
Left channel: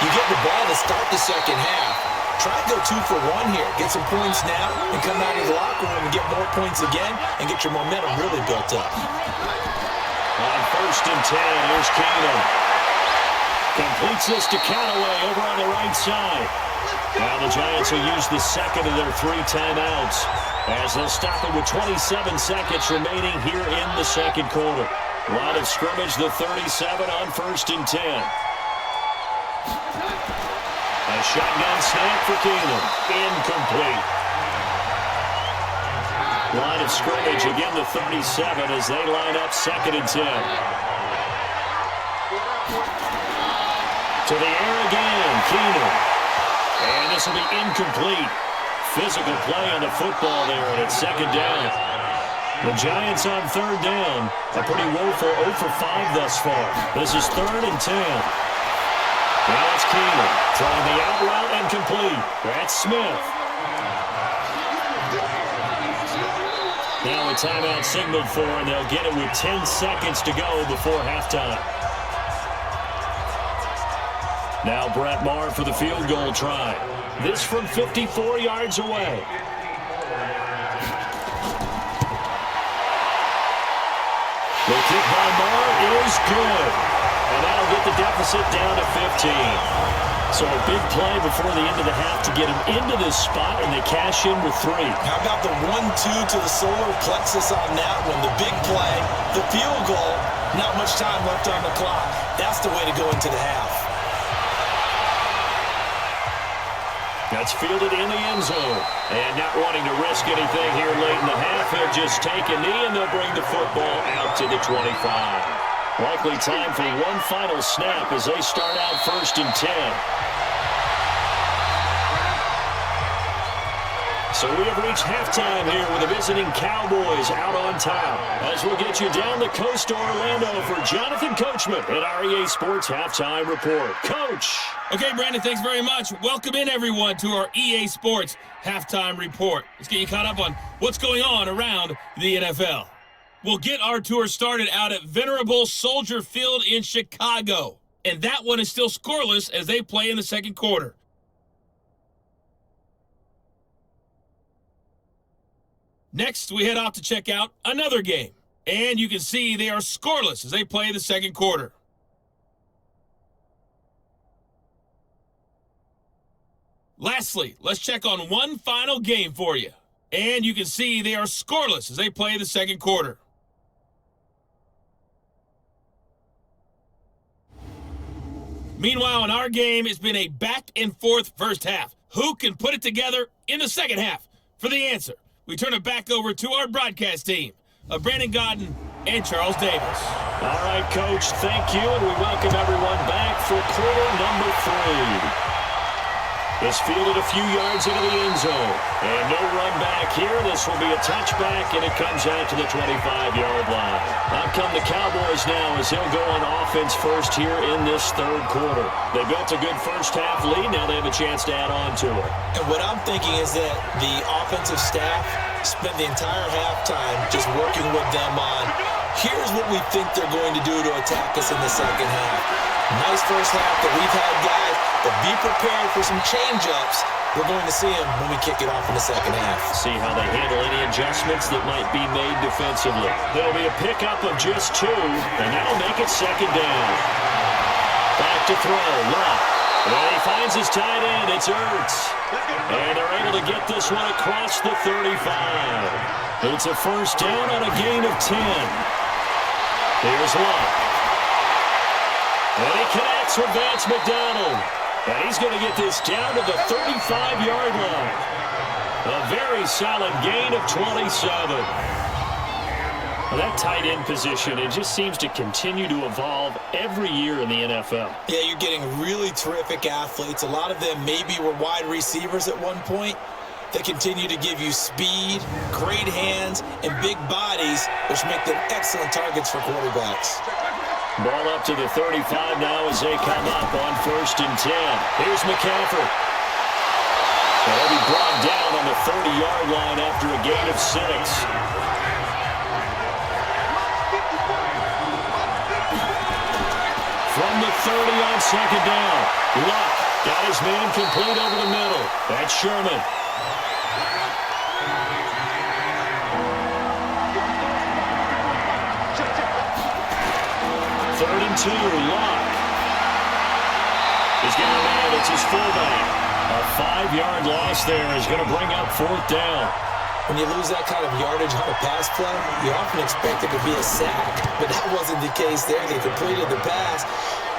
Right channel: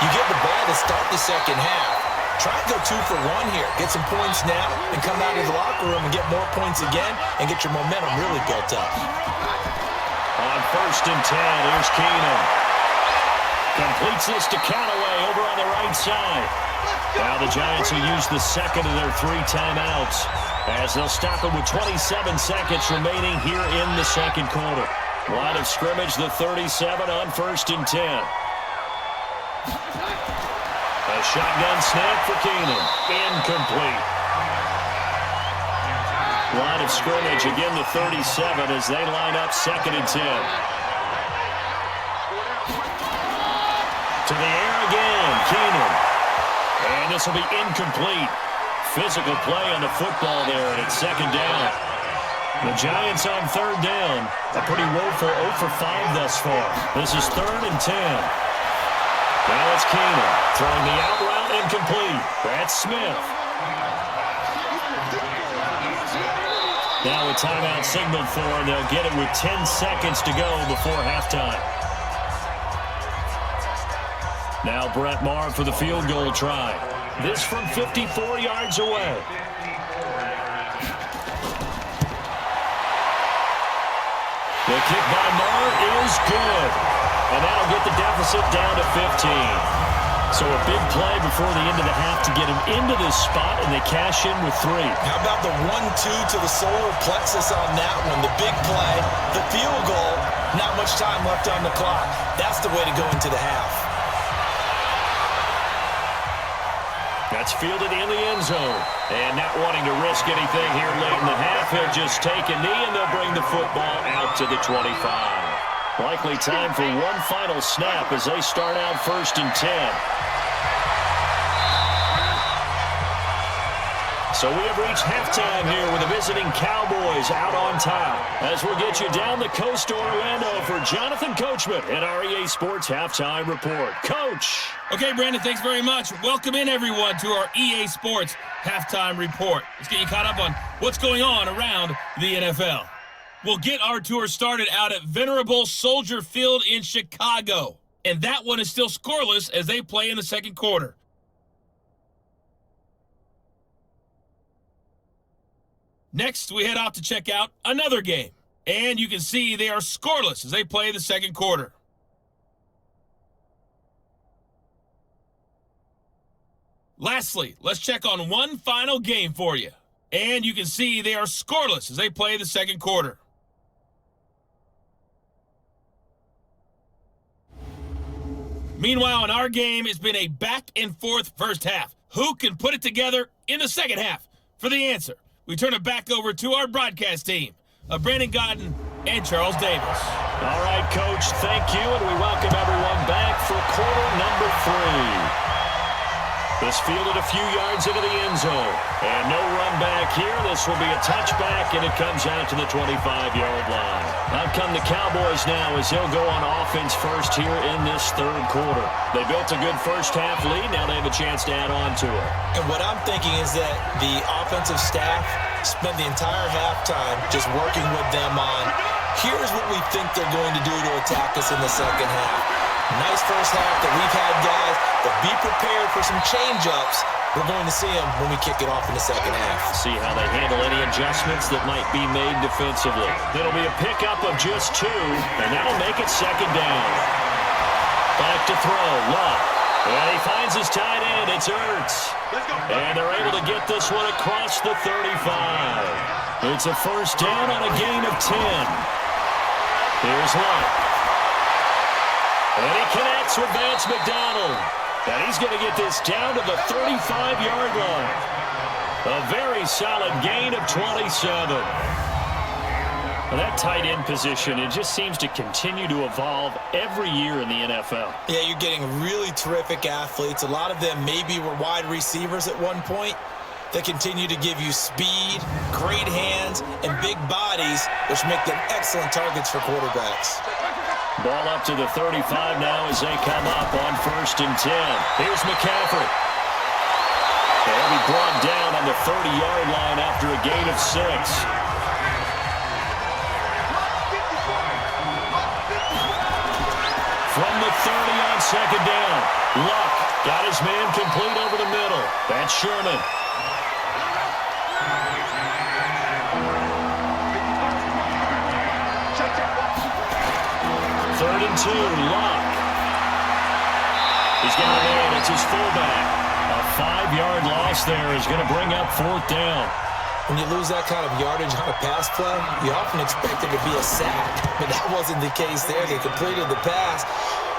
You get the ball to start the second half. Try and go 2 for 1 here. Get some points now and come out of the locker room and get more points again and get your momentum really built up. On 1st and 10, here's Keenum. Completes this to Callaway over on the right side. Now the Giants will use the second of their 3 timeouts, as they'll stop it with 27 seconds remaining here in the second quarter. Line of scrimmage, the 37 on 1st and 10. A shotgun snap for Keenum. Incomplete. Line of scrimmage, again the 37 as they line up 2nd and 10. To the air again, Keenum. And this will be incomplete. Physical play on the football there, and it's 2nd down. The Giants on 3rd down. A pretty woeful 0 for 5 thus far. This is 3rd and 10. Now it's Keenan throwing the out route and complete. That's Smith. Now a timeout signaled for, and they'll get it with 10 seconds to go before halftime. Now Brett Maher for the field goal try. This from 54 yards away. The kick by Maher is good. And that'll get the deficit down to 15. So a big play before the end of the half to get him into this spot, and they cash in with 3. How about the 1-2 to the solar plexus on that one? The big play, the field goal, not much time left on the clock. That's the way to go into the half. That's fielded in the end zone. And not wanting to risk anything here late in the half, he'll just take a knee, and they'll bring the football out to the 25. Likely time for one final snap as they start out 1st and 10. So we have reached halftime here with the visiting Cowboys out on top. As we'll get you down the coast to Orlando for Jonathan Coachman at our EA Sports Halftime Report. Coach! Okay, Brandon, thanks very much. Welcome in, everyone, to our EA Sports Halftime Report. Let's get you caught up on what's going on around the NFL. We'll get our tour started out at Venerable Soldier Field in Chicago. And that one is still scoreless as they play in the second quarter. Next, we head off to check out another game. And you can see they are scoreless as they play the second quarter. Lastly, let's check on one final game for you. And you can see they are scoreless as they play the second quarter. Meanwhile, in our game, it's been a back-and-forth first half. Who can put it together in the second half? For the answer, we turn it back over to our broadcast team of Brandon Godden and Charles Davis. All right, Coach, thank you, and we welcome everyone back for quarter number 3. This fielded a few yards into the end zone. And no run back here. This will be a touchback, and it comes out to the 25-yard line. Out come the Cowboys now as they'll go on offense first here in this third quarter. They built a good first-half lead. Now they have a chance to add on to it. And what I'm thinking is that the offensive staff spent the entire halftime just working with them on, here's what we think they're going to do to attack us in the second half. Nice first half that we've had, guys, but be prepared for some change-ups. We're going to see them when we kick it off in the second half. See how they handle any adjustments that might be made defensively. It'll be a pickup of just 2, and that'll make it second down. Back to throw, Luck. And he finds his tight end. It's Ertz. And they're able to get this one across the 35. It's a first down on a gain of 10. Here's Luck. And he connects with Vance McDonald. And he's going to get this down to the 35-yard line. A very solid gain of 27. Well, that tight end position, it just seems to continue to evolve every year in the NFL. Yeah, you're getting really terrific athletes. A lot of them maybe were wide receivers at one point. They continue to give you speed, great hands, and big bodies, which make them excellent targets for quarterbacks. Ball up to the 35 now as they come up on 1st and 10. Here's McCaffrey. And he'll be brought down on the 30-yard line after a gain of 6. From the 30 on second down. Luck got his man complete over the middle. That's Sherman. Third and 2, Luck. He's got a man, it's his fullback. A 5-yard loss there is going to bring up 4th down. When you lose that kind of yardage on a pass play, you often expect it to be a sack, but that wasn't the case there. They completed the pass.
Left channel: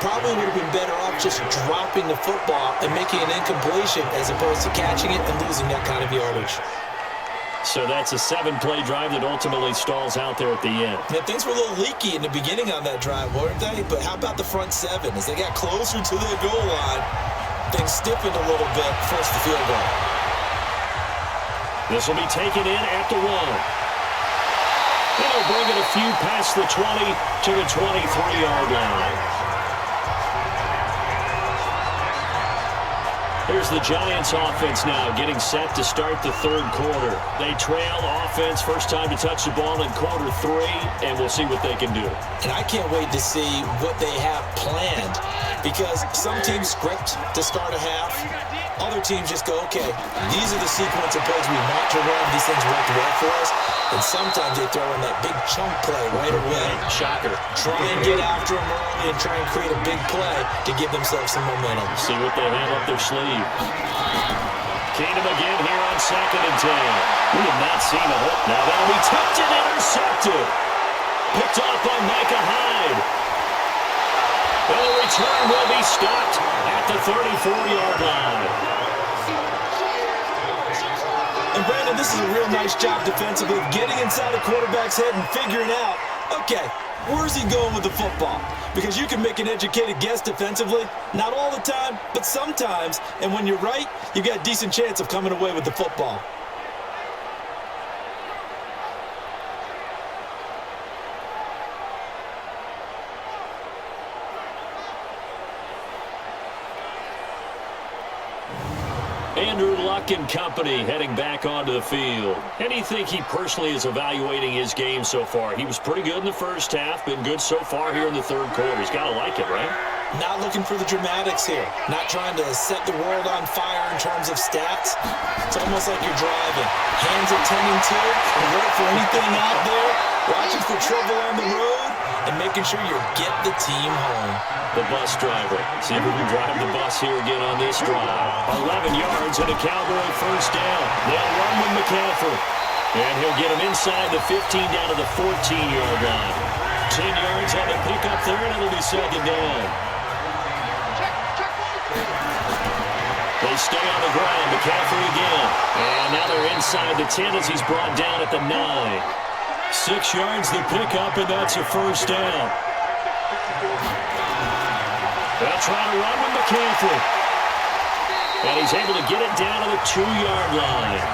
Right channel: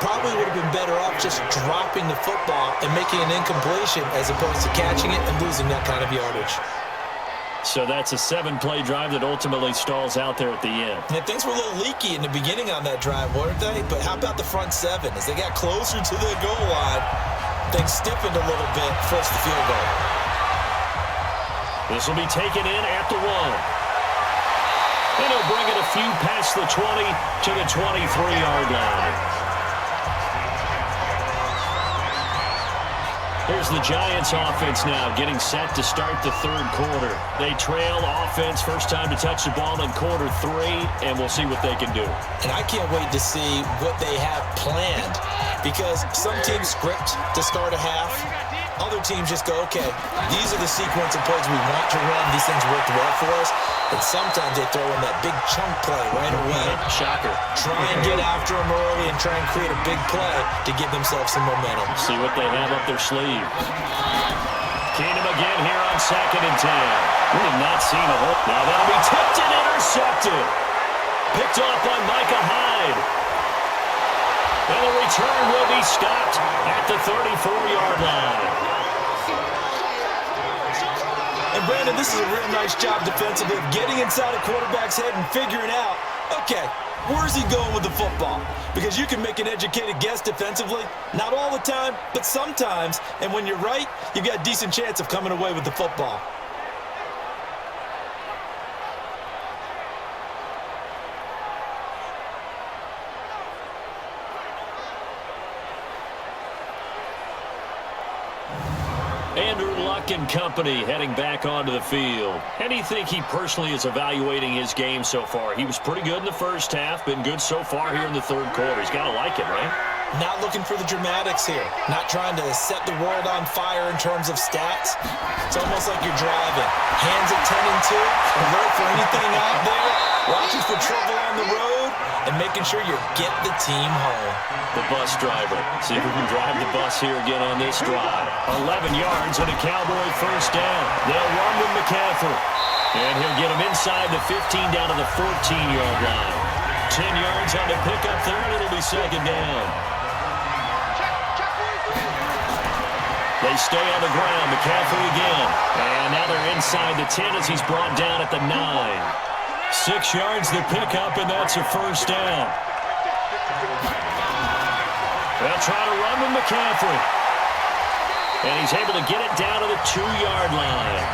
Probably would have been better off just dropping the football and making an incompletion as opposed to catching it and losing that kind of yardage. So that's a 7-play drive that ultimately stalls out there at the end. Yeah, things were a little leaky in the beginning on that drive, weren't they? But how about the front 7? As they got closer to the goal line, things stiffened a little bit, forced the field goal. This will be taken in at the 1. And he'll bring it a few past the 20 to the 23-yard line. Here's the Giants offense now getting set to start the third quarter. They trail offense, first time to touch the ball in quarter 3, and we'll see what they can do. And I can't wait to see what they have planned, because some teams script to start a half. Other teams just go, okay, these are the sequence of plays we want to run. These things worked well for us. And sometimes they throw in that big chunk play right away. Shocker. Try and get after them early and try and create a big play to give themselves some momentum. See what they have up their sleeve. Keenum again here on 2nd and 10. We have not seen a whole. Now that'll be tipped and intercepted. Picked off by Micah Hyde. And the return will be stopped at the 34-yard line. And Brandon, this is a real nice job defensively of getting inside a quarterback's head and figuring out, okay, where's he going with the football? Because you can make an educated guess defensively, not all the time, but sometimes. And when you're right, you've got a decent chance of coming away with the football. Andrew Luck and company heading back onto the field. And you think he personally is evaluating his game so far? He was pretty good in the first half, been good so far here in the third quarter. He's got to like it, right? Not looking for the dramatics here. Not trying to set the world on fire in terms of stats. It's almost like you're driving. Hands at 10 and 2, alert for anything out there, watching for trouble on the road, and making sure you get the team home. The bus driver. See if we can drive the bus here again on this drive. 11 yards and a Cowboy first down. They'll run with McCaffrey. And he'll get him inside the 15 down to the 14-yard line. 10 yards on the pickup there, and it'll be 2nd down. They stay on the ground. McCaffrey again. And now they're inside the 10 as he's brought down at the 9. 6 yards the pickup, and that's a first down. They'll try to run with McCaffrey. And he's able to get it down to the 2-yard line.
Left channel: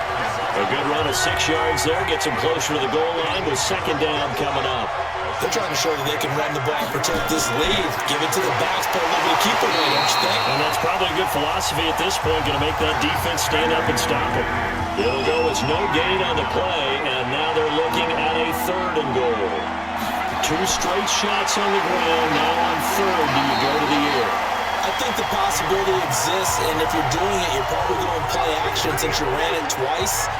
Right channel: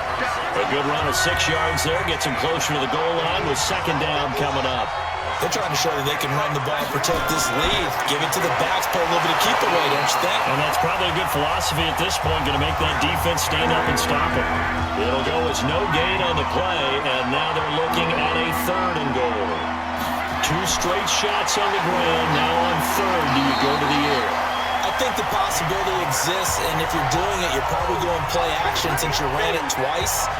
A good run of 6 yards there. Gets him closer to the goal line with 2nd down coming up. They're trying to show that they can run the ball and protect this lead. Give it to the backs, play a little bit of keep away, don't you think? And that's probably a good philosophy at this point. Going to make that defense stand up and stop him. It'll go as no gain on the play, and now they're looking at a 3rd and goal. 2 straight shots on the ground. Now on 3rd, do you go to the air? I think the possibility exists, and if you're doing it, you're probably going play action since you ran it twice.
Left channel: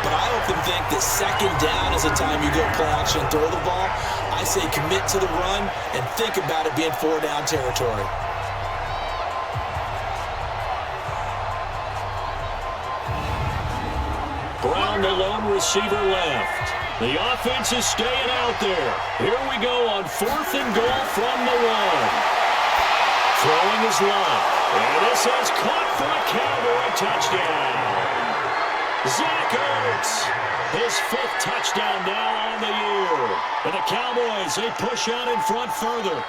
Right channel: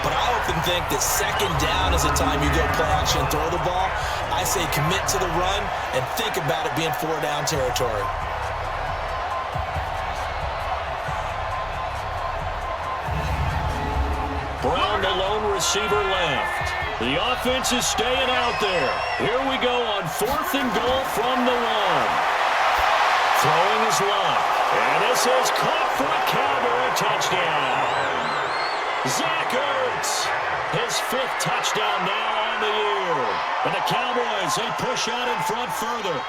But I often think that 2nd down is the time you go play action and throw the ball. I say commit to the run and think about it being 4-down territory. Brown, the lone receiver, left. The offense is staying out there. Here we go on 4th and goal from the 1. Throwing his Luck. And this is caught for a Cowboy touchdown. Zach Ertz, his 5th touchdown now on the year. And the Cowboys, they push out in front further.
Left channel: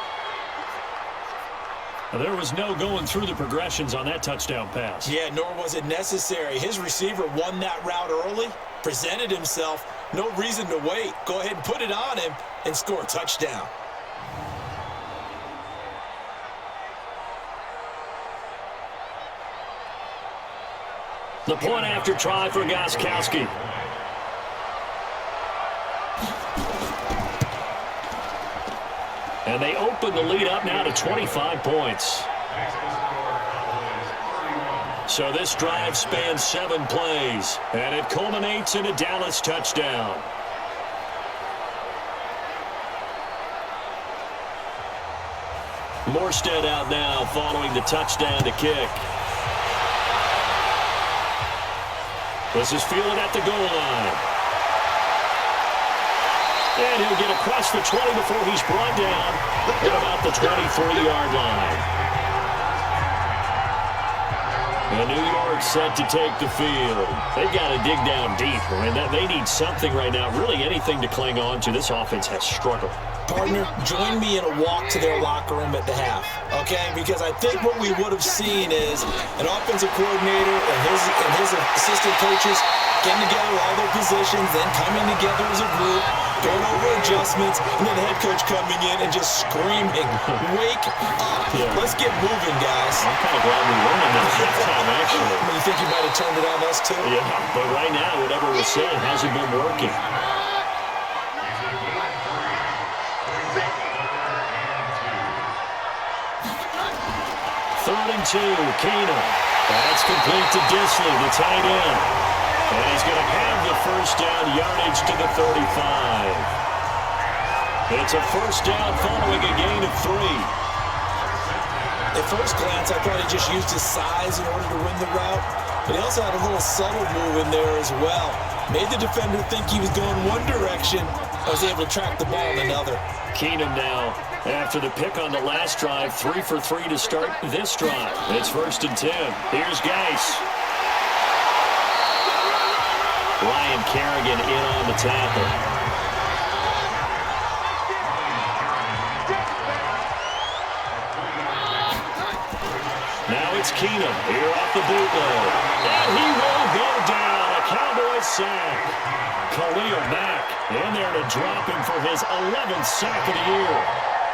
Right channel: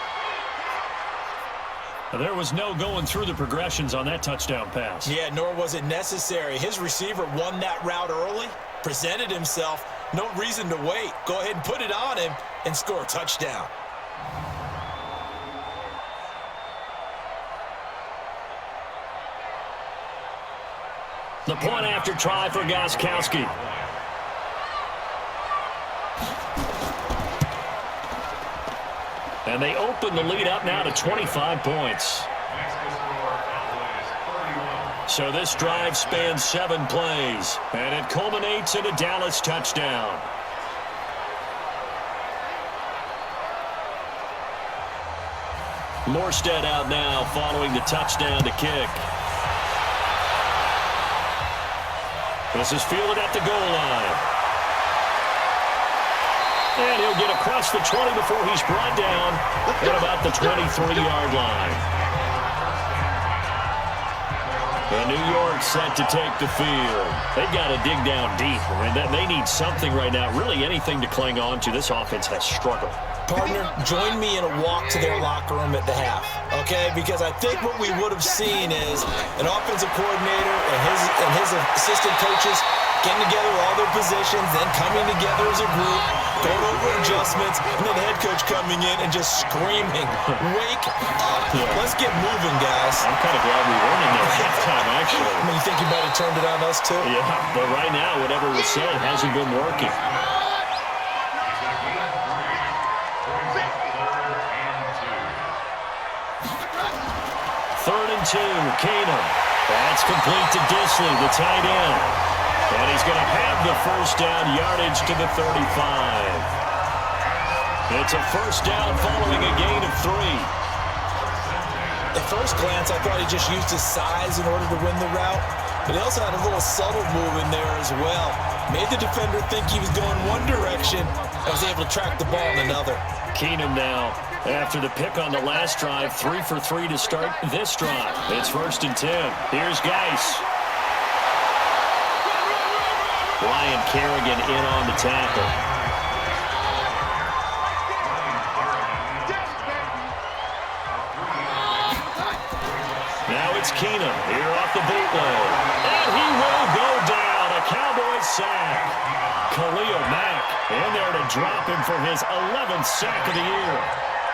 There was no going through the progressions on that touchdown pass. Yeah, nor was it necessary. His receiver won that route early, presented himself. No reason to wait. Go ahead and put it on him and score a touchdown. The point after try for Gostkowski. And they open the lead up now to 25 points. So this drive spans 7 plays, and it culminates in a Dallas touchdown. Morstead out now following the touchdown to kick. This is fielded at the goal line. And he'll get across the 20 before he's brought down at about the 23-yard line. And New York set to take the field. They've got to dig down deep. I mean, they need something right now, really anything to cling on to. This offense has struggled. Partner, join me in a walk to their locker room at the half, okay? Because I think what we would have seen is an offensive coordinator and his assistant coaches getting together all their positions, then coming together as a group, going over adjustments, and then the head coach coming in and just screaming, "Wake up. Let's get moving, guys." I'm kind of glad we weren't in there at halftime, actually. I mean, you think you might have turned it on us, too? Yeah, but right now, whatever was said hasn't been working. Third and 2, Keenum. That's complete to Disley, the tight end. And he's going to have the first down, yardage to the 35. It's a first down following a gain of 3. At first glance, I thought he just used his size in order to win the route, but he also had a little subtle move in there as well. Made the defender think he was going one direction, and was able to track the ball in another. Keenum now, after the pick on the last drive, 3 for 3 to start this drive. It's first and 10. Here's Geis. Ryan Kerrigan in on the tackle. Now it's Keenum here off the bootleg. And he will go down. A Cowboys sack. Khalil Mack in there to drop him for his 11th sack of the year.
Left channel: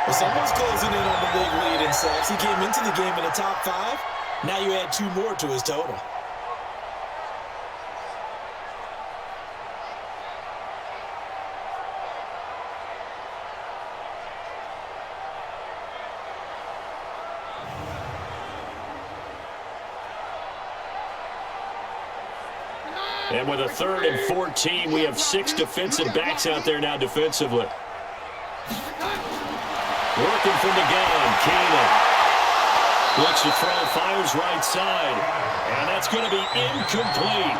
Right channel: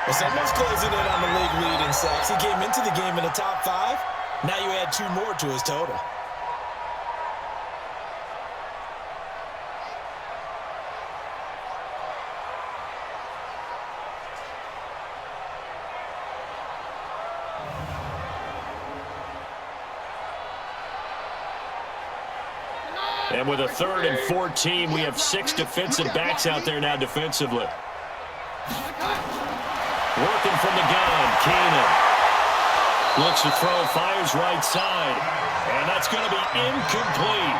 Well, someone's closing in on the league lead in sacks. He came into the game in the top 5. Now you add 2 more to his total. And with a 3rd and 14, we have 6 defensive backs out there now defensively. Working from the gun, Keenum. Looks to throw, fires right side. And that's going to be incomplete.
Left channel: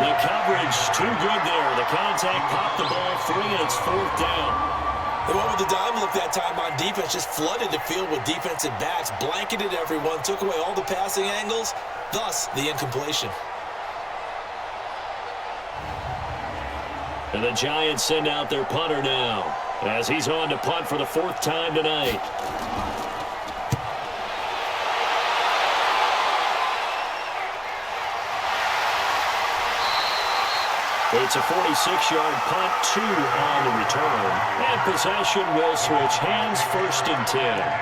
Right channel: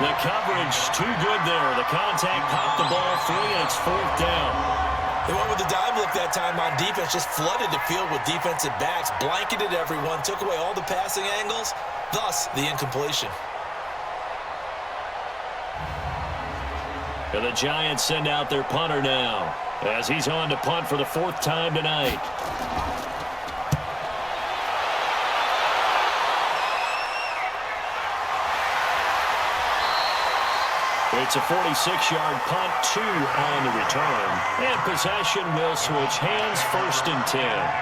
The coverage too good there. The contact popped the ball free, and it's 4th down. They went with the dime look that time on defense, just flooded the field with defensive backs, blanketed everyone, took away all the passing angles, thus the incompletion. And the Giants send out their punter now, as he's on to punt for the 4th time tonight. It's a 46-yard punt, 2 on the return. And possession will switch hands, 1st and 10.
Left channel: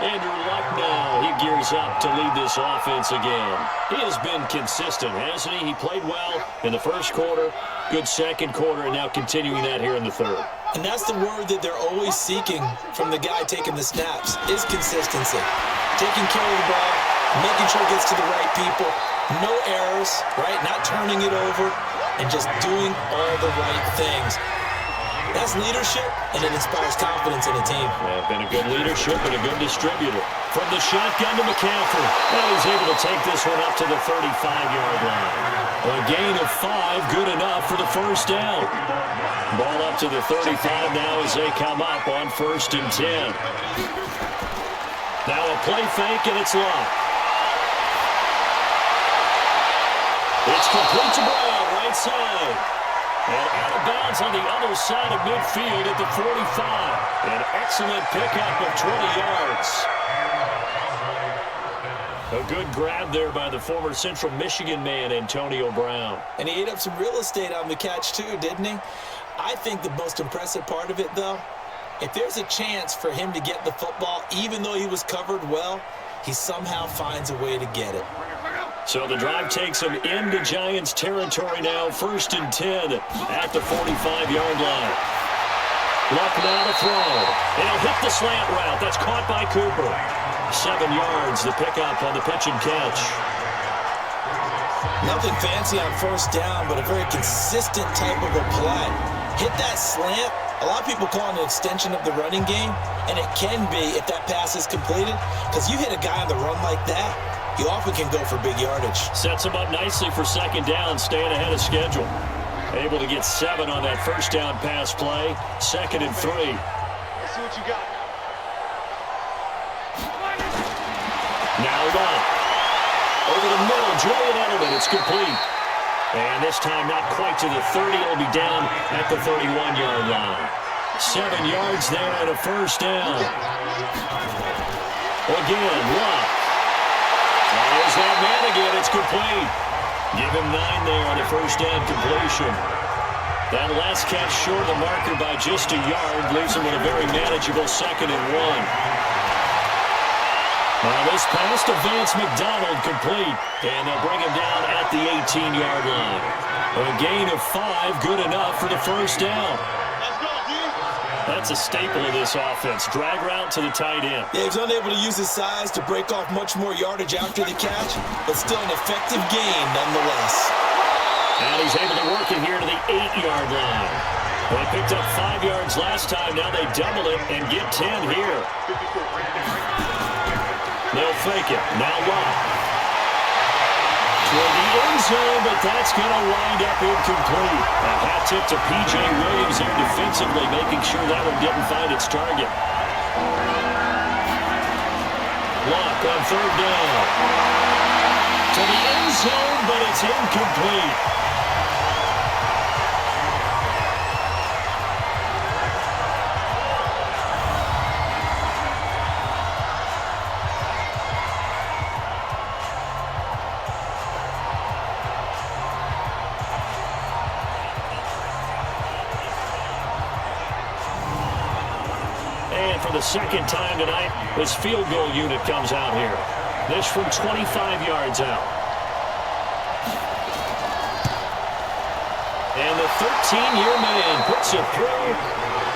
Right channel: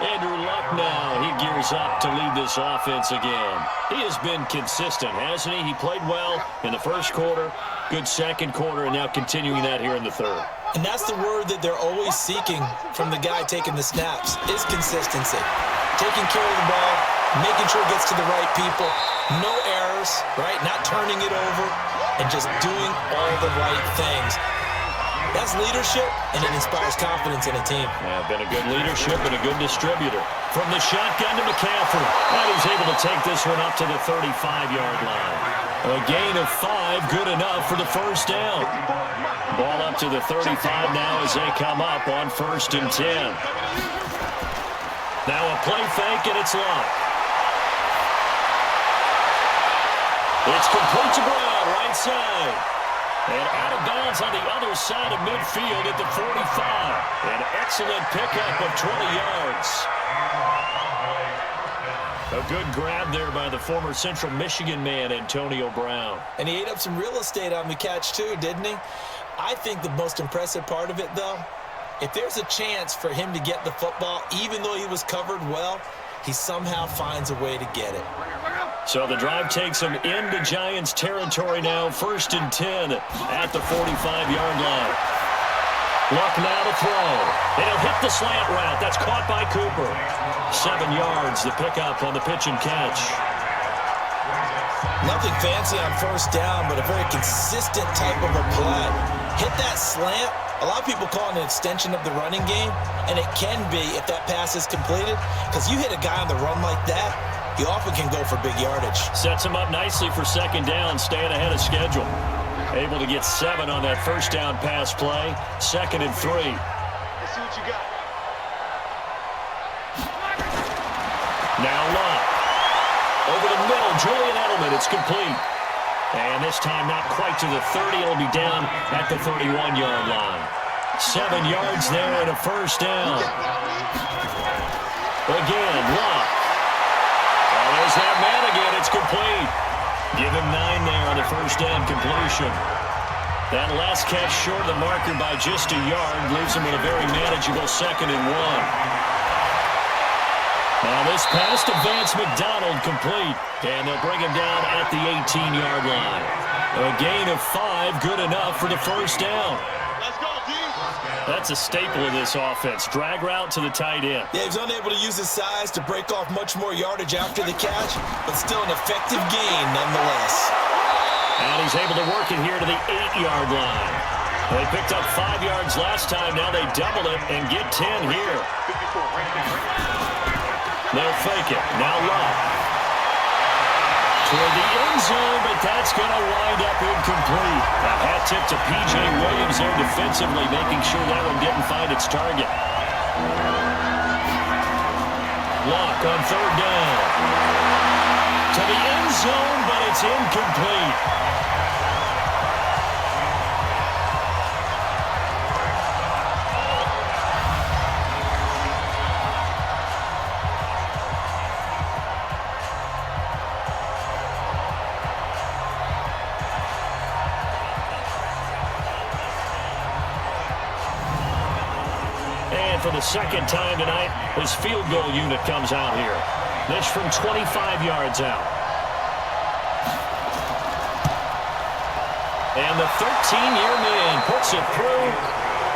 Andrew Luck now, he gears up to lead this offense again. He has been consistent, hasn't he? He played well in the first quarter, good second quarter, and now continuing that here in the 3rd. And that's the word that they're always seeking from the guy taking the snaps, is consistency. Taking care of the ball, making sure it gets to the right people, no errors, right? Not turning it over, and just doing all the right things. That's leadership, and it inspires confidence in a team. Yeah, been a good leadership and a good distributor. From the shotgun to McCaffrey. And he's able to take this one up to the 35-yard line. A gain of 5, good enough for the first down. Ball up to the 35 now as they come up on 1st and 10. Now a play fake, and it's Luck. It's complete to Brown, right side. And out of bounds on the other side of midfield at the 45. An excellent pickup of 20 yards. A good grab there by the former Central Michigan man, Antonio Brown. And he ate up some real estate on the catch too, didn't he? I think the most impressive part of it, though, if there's a chance for him to get the football, even though he was covered well, he somehow finds a way to get it. So the drive takes him into Giants territory now, 1st and 10 at the 45-yard line. Luck now to throw. And he'll hit the slant route. That's caught by Cooper. 7 yards, the pickup on the pitch and catch. Nothing fancy on first down, but a very consistent type of a play. Hit that slant. A lot of people call it an extension of the running game, and it can be if that pass is completed, because you hit a guy on the run like that, you often can go for big yardage. Sets him up nicely for second down, staying ahead of schedule. Able to get 7 on that first down pass play. 2nd and 3. Let's see what you got. Now Luck. Over the middle, Julian Edelman, it's complete. And this time not quite to the 30. It'll be down at the 31-yard line. 7 yards there and a first down. Again, Locke. Oh, there's that man again. It's complete. Give him 9 there on the first down completion. That last catch short of the marker by just a yard leaves him with a very manageable 2nd and 1. Now this pass to Vance McDonald complete, and they'll bring him down at the 18-yard line. A gain of 5, good enough for the first down. Let's go, D. That's a staple of this offense. Drag route to the tight end. Yeah, he was unable to use his size to break off much more yardage after the catch, but still an effective gain nonetheless. And he's able to work it here to the 8-yard line. They picked up 5 yards last time. Now they double it and get 10 here. 54, right there. They'll fake it. Now Locke. Toward the end zone, but that's going to wind up incomplete. A hat tip to P.J. Williams there defensively, making sure that one didn't find its target. Locke on 3rd down. To the end zone, but it's incomplete. For the second time tonight, this field goal unit comes out here. This from 25 yards out. And the 13-year man puts it through.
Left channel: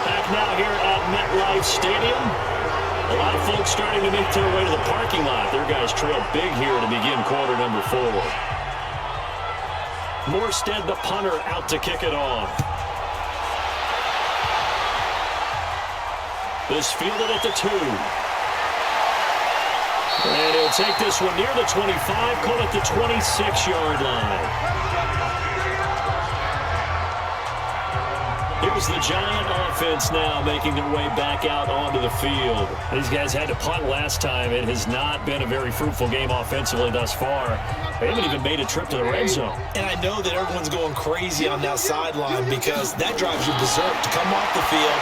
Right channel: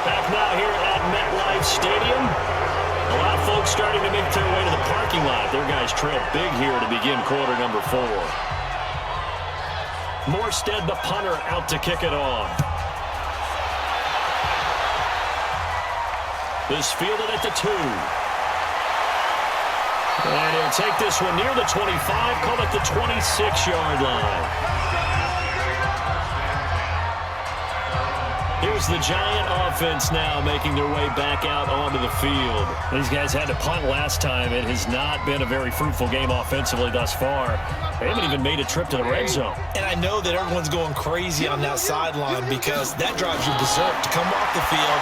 Back now here at MetLife Stadium. A lot of folks starting to make their way to the parking lot. Their guys trail big here to begin quarter number 4. Morstead, the punter, out to kick it off. This fielded at the 2. And he'll take this one near the 25, call it the 26-yard line. Here's the Giant offense now making their way back out onto the field. These guys had to punt last time. It has not been a very fruitful game offensively thus far. They haven't even made a trip to the red zone. And I know that everyone's going crazy on that sideline because that drives you berserk to come off the field,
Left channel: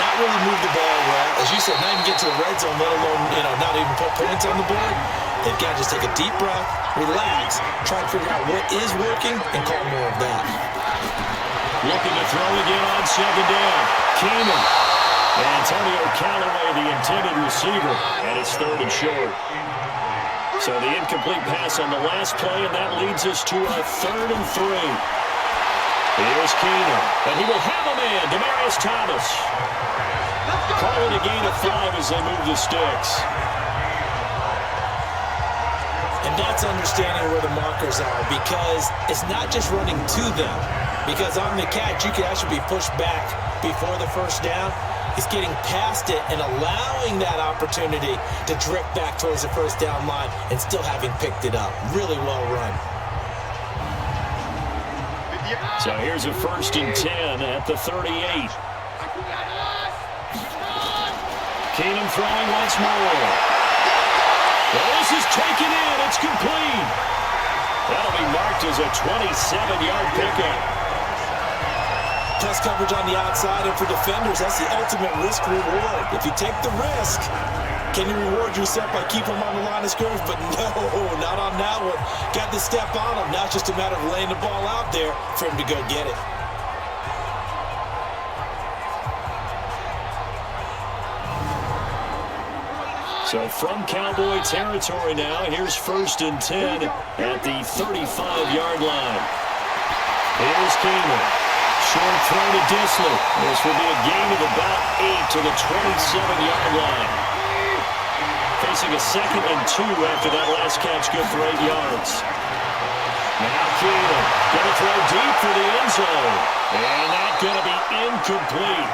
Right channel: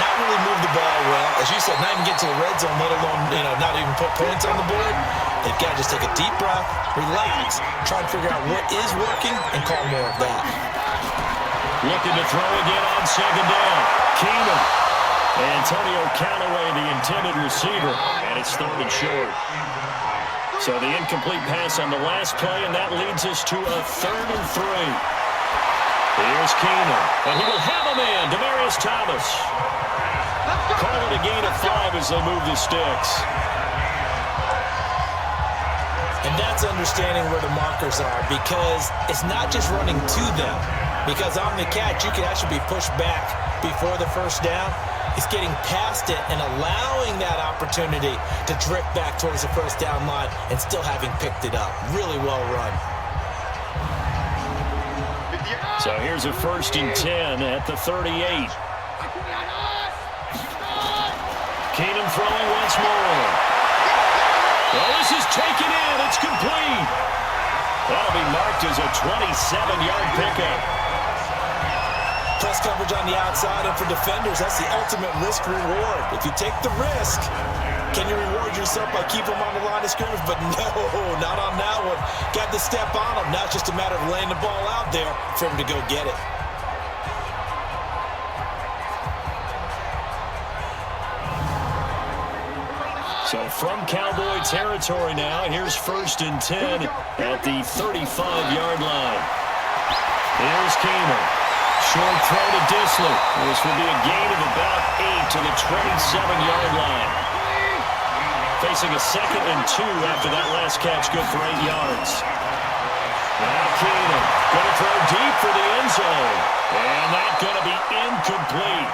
not really move the ball well. As you said, not even get to the red zone, let alone, not even put points on the board. They've got to just take a deep breath, relax, try and figure out what is working, and call more of that. Looking to throw again on 2nd down. Keenum. Antonio Callaway, the intended receiver, and it's 3rd and short. So the incomplete pass on the last play, and that leads us to a 3rd and 3. Here's Keenum, and he will have a man, Demaryius Thomas. Call it a gain of 5 as they move the sticks. And that's understanding where the markers are because it's not just running to them. Because on the catch, you could actually be pushed back before the first down. It's getting past it and allowing that opportunity to drift back towards the first down line and still having picked it up. Really well run. So here's a 1st and 10 at the 38. Keenum throwing once more. Well, this is taken in. It's complete. That'll be marked as a 27-yard pickup. Press coverage on the outside, and for defenders, that's the ultimate risk-reward. If you take the risk, can you reward yourself by keeping them on the line of scrimmage? But no, not on that one. Got the step on him. Now it's just a matter of laying the ball out there for him to go get it. So from Cowboy territory now, here's 1st and 10 at the 35-yard line. Here's Keenum. Short throw to Disley. This will be a gain of about 8 to the 27-yard line. Facing a 2nd and 2 after that last catch, good for 8 yards. Now Keenum going to throw deep for the end zone. And that's going to be incomplete.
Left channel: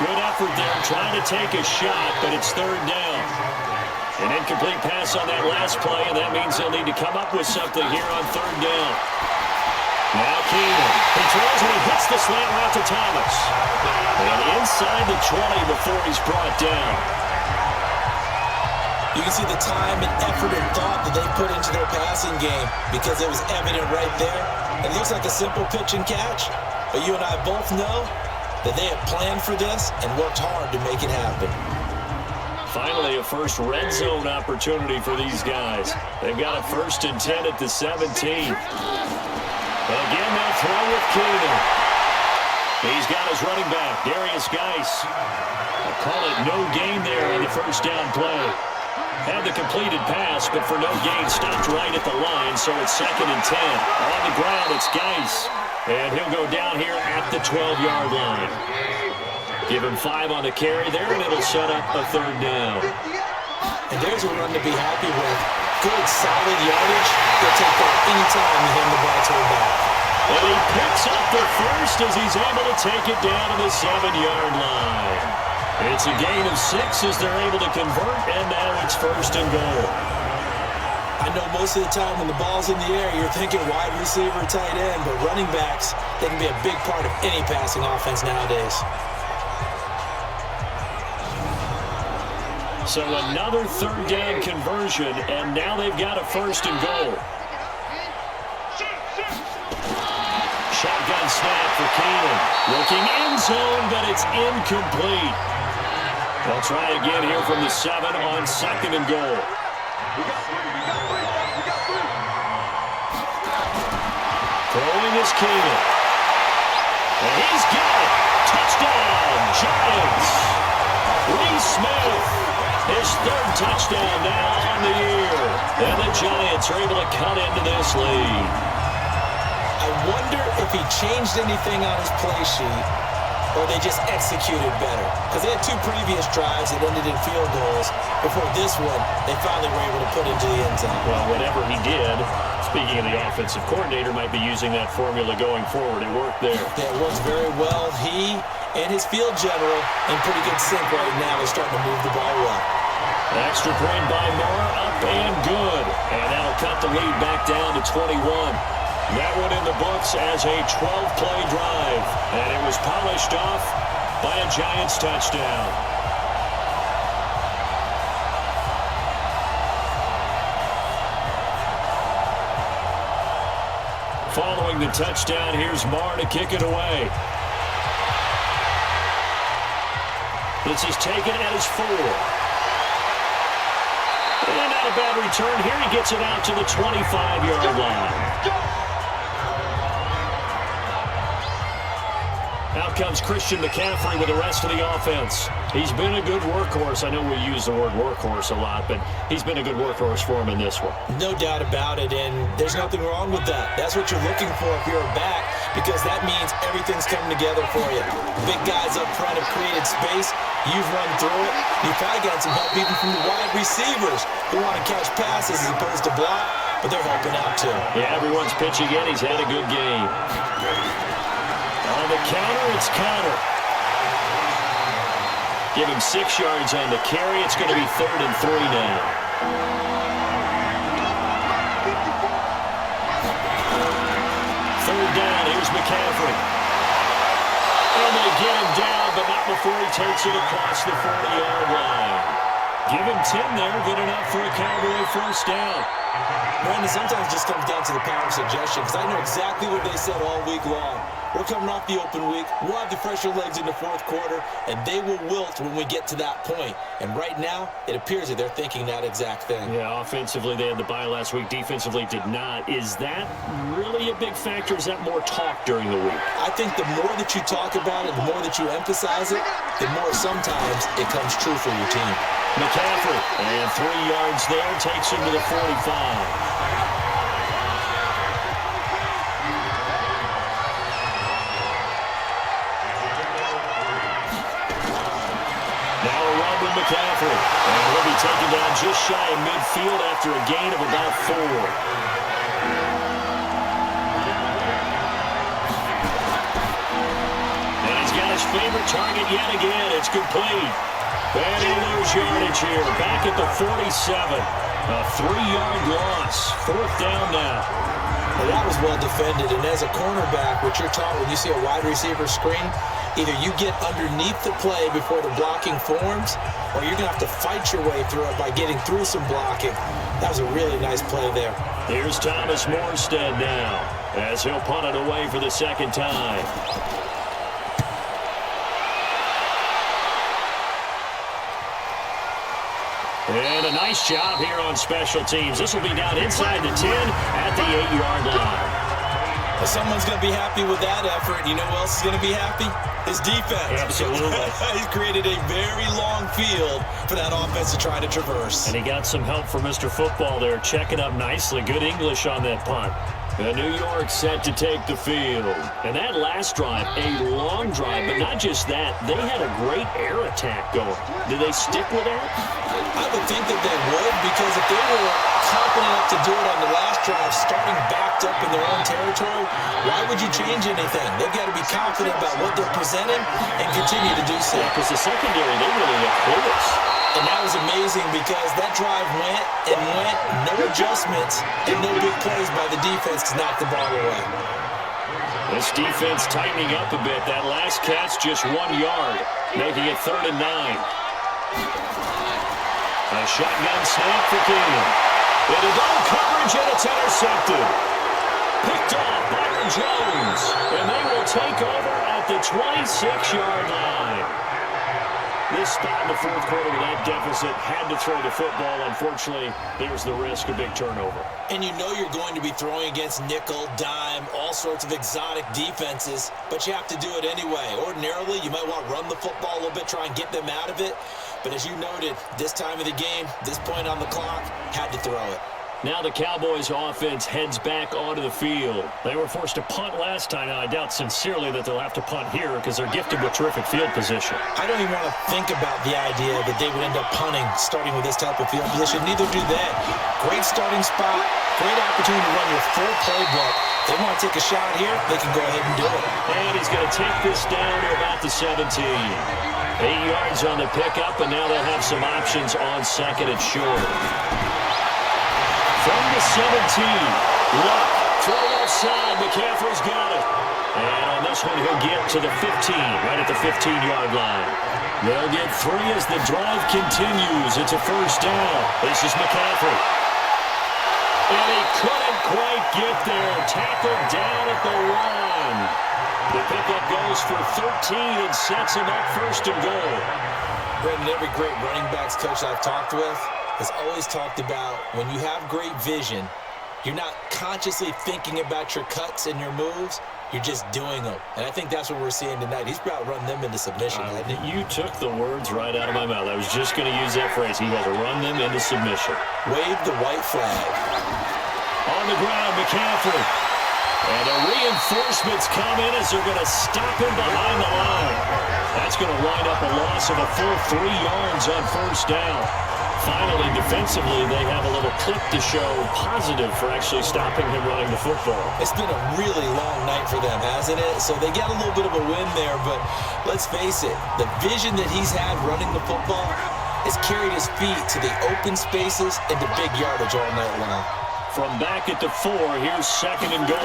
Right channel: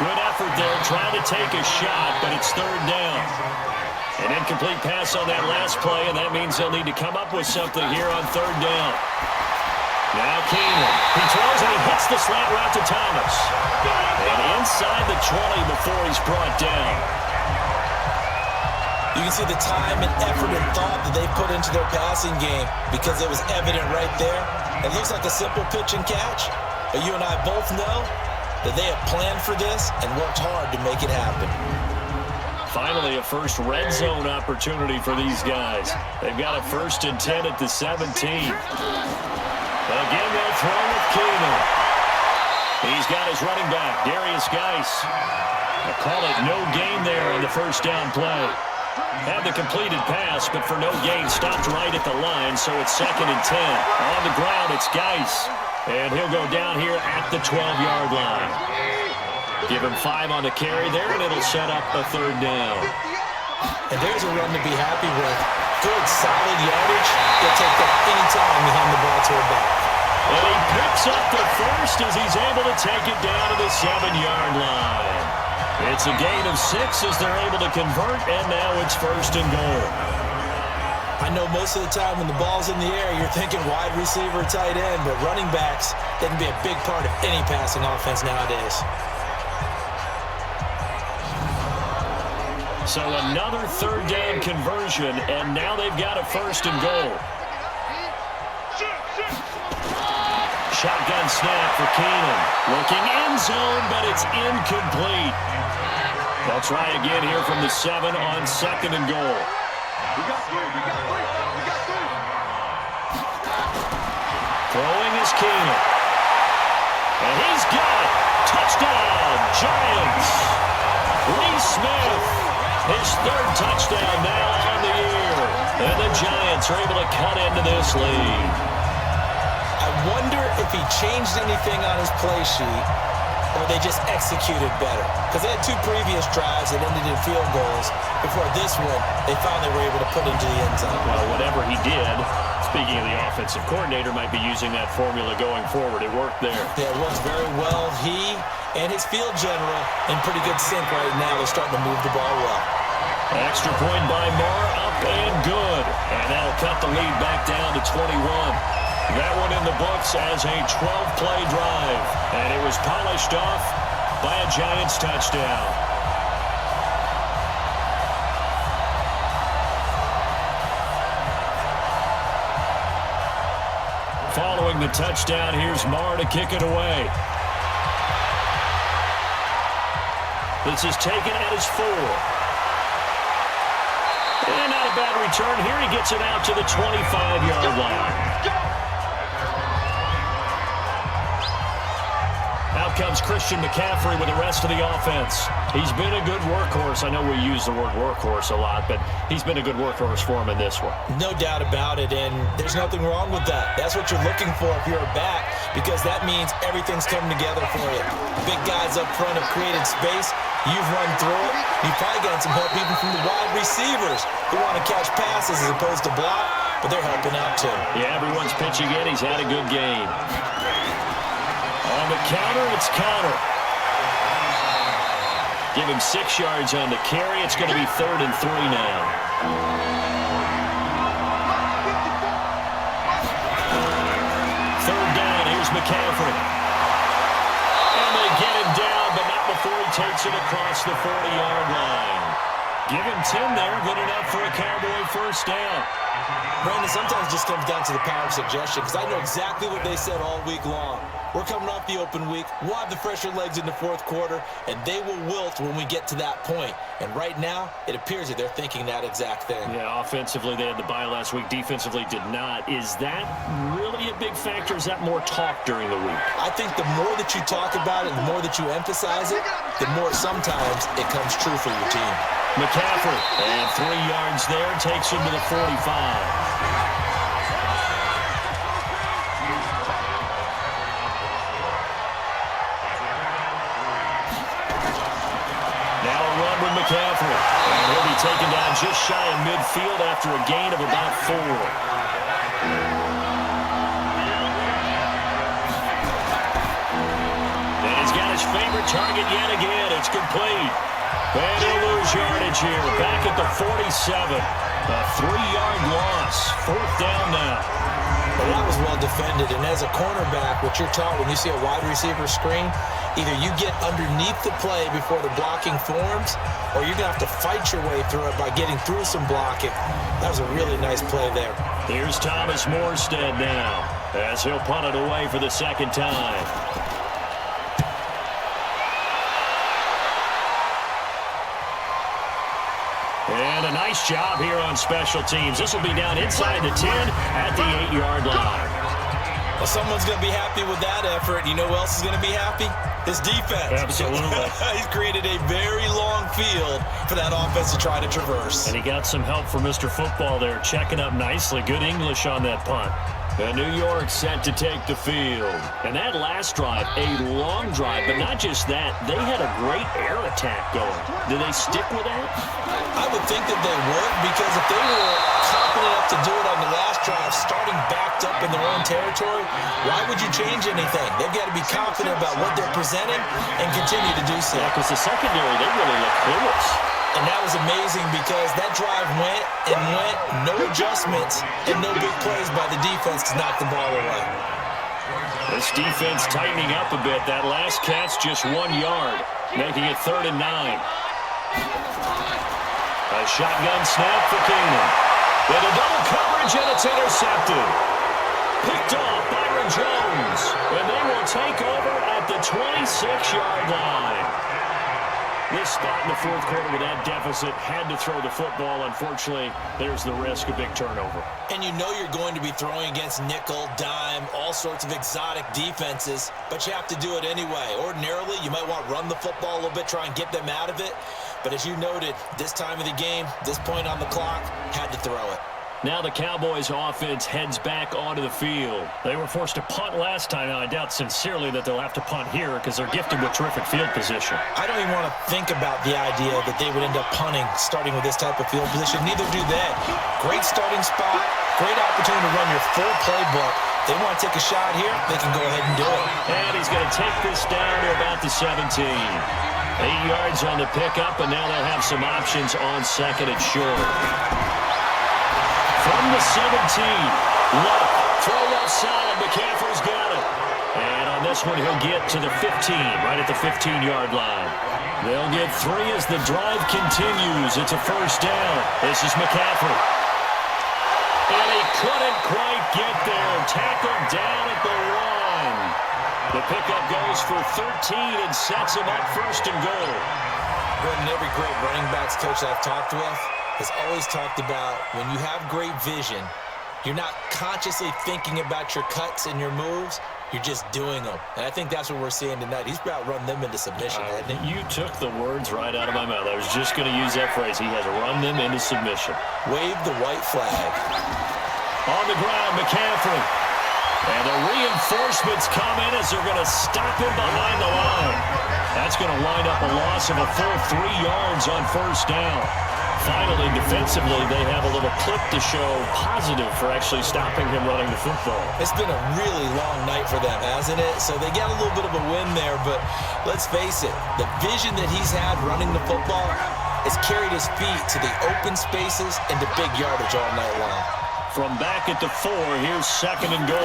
Good effort there, trying to take a shot, but it's 3rd down. An incomplete pass on that last play, and that means they'll need to come up with something here on 3rd down. Now Keenum. He throws and he hits the slant route to Thomas. And inside the 20 before he's brought down. You can see the time and effort and thought that they put into their passing game because it was evident right there. It looks like a simple pitch and catch, but you and I both know that they have planned for this and worked hard to make it happen. Finally, a first red zone opportunity for these guys. They've got a 1st and 10 at the 17. Again, they'll throw with Keenan. He's got his running back, Darius Geis. I call it no gain there on the first down play. Had the completed pass, but for no gain, stopped right at the line, so it's 2nd and 10. On the ground, it's Geis, and he'll go down here at the 12-yard line. Give him 5 on the carry there, and it'll set up a 3rd down. And there's a run to be happy with. Good, solid yardage. He'll take that anytime you hand the ball to him back. And he picks up the first as he's able to take it down to the 7-yard line. It's a gain of 6 as they're able to convert, and now it's 1st and goal. I know most of the time when the ball's in the air, you're thinking wide receiver, tight end, but running backs, they can be a big part of any passing offense nowadays. So another 3rd down conversion, and now they've got a 1st and goal. Shotgun snap for Keenan. Looking end zone, but it's incomplete. They'll try again here from the 7 on 2nd and goal. We got 3. Throwing is Keenan. And he's got it. Touchdown, Giants. Lee Smith, his 3rd touchdown now on the year. And the Giants are able to cut into this lead. I wonder if he changed anything on his play sheet or they just executed better. Because they had 2 previous drives that ended in field goals. Before this one, they finally were able to put into the end zone. Well, whatever he did, speaking of the offensive coordinator, might be using that formula going forward. It worked there. Yeah, it works very well. He and his field general in pretty good sync right now. They're starting to move the ball well. Extra point by Marr, up and good. And that'll cut the lead back down to 21. That one in the books as a 12-play drive. And it was polished off by a Giants touchdown. Following the touchdown, here's Marr to kick it away. This is taken at his 4. And not a bad return here. He gets it out to the 25-yard line. Out comes Christian McCaffrey with the rest of the offense. He's been a good workhorse. I know we use the word workhorse a lot, but he's been a good workhorse for him in this one. No doubt about it, and there's nothing wrong with that. That's what you're looking for if you're a back, because that means everything's coming together for you. Big guys up front have created space. You've run through it. You've probably gotten some help even from the wide receivers who want to catch passes as opposed to block, but they're helping out too. Yeah, everyone's pitching in. He's had a good game. On the counter, it's Connor. Give him 6 yards on the carry. It's going to be 3rd and 3 now. Third down, here's McCaffrey. And they get him down, but not before he takes it across the 40-yard line. Give him 10 there, good enough for a Cowboy first down. Brandon, sometimes it just comes down to the power of suggestion, because I know exactly what they said all week long. We're coming off the open week. We'll have the fresher legs in the 4th quarter, and they will wilt when we get to that point. And right now, it appears that they're thinking that exact thing. Yeah, offensively, they had the bye last week. Defensively, did not. Is that really a big factor? Is that more talk during the week? I think the more that you talk about it, the more that you emphasize it, the more sometimes it comes true for your team. McCaffrey, and 3 yards there, takes him to the 45. Now a run with McCaffrey, and he'll be taken down just shy of midfield after a gain of about 4. And he's got his favorite target yet again. It's complete. And he'll lose yardage here. Back at the 47. A 3-yard loss. 4th down now. Well, that was well defended. And as a cornerback, what you're taught when you see a wide receiver screen, either you get underneath the play before the blocking forms, or you're going to have to fight your way through it by getting through some blocking. That was a really nice play there. Here's Thomas Morstead now, as he'll punt it away for the 2nd time. Nice job here on special teams. This will be down inside the 10 at the 8-yard line. Well, someone's going to be happy with that effort. You know who else is going to be happy? His defense. Absolutely. He's created a very long field for that offense to try to traverse. And he got some help from Mr. Football there, checking up nicely. Good English on that punt. And New York set to take the field. And that last drive, a long drive, but not just that. They had a great air attack going. Did they stick with that? I would think that they would, because if they were confident enough to do it on the last drive, starting backed up in their own territory, why would you change anything? They've got to be confident about what they're presenting and continue to do so. Yeah, because the secondary, they really look clueless. And that was amazing because that drive went and went, no adjustments, and no big plays by the defense to knock the ball away. This defense tightening up a bit. That last catch just 1 yard, making it 3rd and 9. A shotgun snap for Keenum. Into double coverage, and it's intercepted. Picked off Byron Jones, and they will take over at the 26-yard line. This spot in the fourth quarter with that deficit, had to throw the football. Unfortunately, there's the risk of big turnover. And you know you're going to be throwing against nickel, dime, all sorts of exotic defenses, but you have to do it anyway. Ordinarily, you might want to run the football a little bit, try and get them out of it. But as you noted, this time of the game, this point on the clock, had to throw it. Now the Cowboys offense heads back onto the field. They were forced to punt last time, and I doubt sincerely that they'll have to punt here because they're gifted with terrific field position. I don't even want to think about the idea that they would end up punting starting with this type of field position. Neither do they. Great starting spot, great opportunity to run your full playbook. They want to take a shot here, they can go ahead and do it. And he's going to take this down to about the 17. 8 yards on the pickup, and now they'll have some options on second and short. From the 17, Luck, throw left side, McCaffrey's got it. And on this one, he'll get to the 15, right at the 15-yard line. They'll get 3 as the drive continues. It's a first down. This is McCaffrey. And he couldn't quite get there. Tackled down at the 1. The pickup goes for 13 and sets him up first and goal. Brendan, every great running backs coach I've talked with has always talked about when you have great vision, you're not consciously thinking about your cuts and your moves, you're just doing them. And I think that's what we're seeing tonight. He's about run them into submission, hasn't he? You took the words right out of my mouth. I was just going to use that phrase. He has run them into submission. Wave the white flag. On the ground, McCaffrey. And the reinforcements come in as they're going to stop him behind the line. That's going to wind up a loss of a full 3 yards on first down. Finally, defensively, they have a little clip to show positive for actually stopping him running the football. It's been a really long night for them, hasn't it? So they got a little bit of a win there, but let's face it, the vision that he's had running the football has carried his feet to the open spaces and to big yardage all night long. From back at the 4, here's second and goal.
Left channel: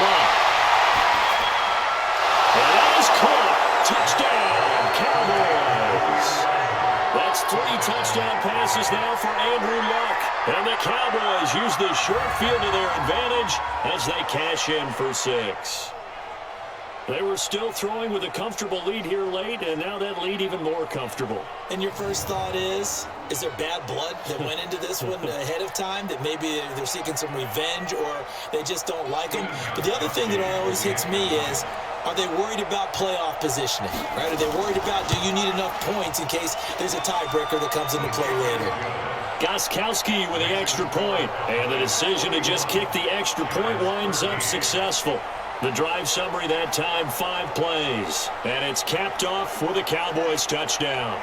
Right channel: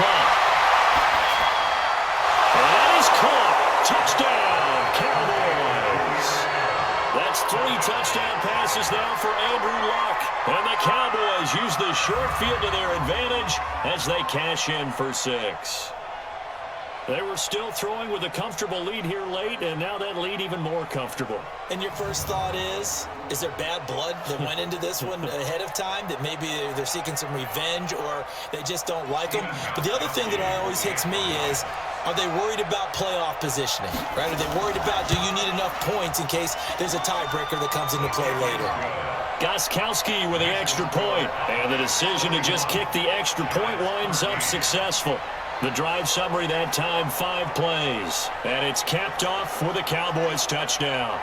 Luck. And that is caught. Touchdown, Cowboys. That's 3 touchdown passes now for Andrew Luck. And the Cowboys use the short field to their advantage as they cash in for 6. They were still throwing with a comfortable lead here late, and now that lead even more comfortable. And your first thought is there bad blood that went into this one ahead of time, that maybe they're seeking some revenge or they just don't like them? But the other thing that always hits me is, are they worried about playoff positioning, right? Are they worried about, do you need enough points in case there's a tiebreaker that comes into play later? Gostkowski with the extra point, and the decision to just kick the extra point winds up successful. The drive summary that time, 5 plays. And it's capped off with a Cowboys touchdown.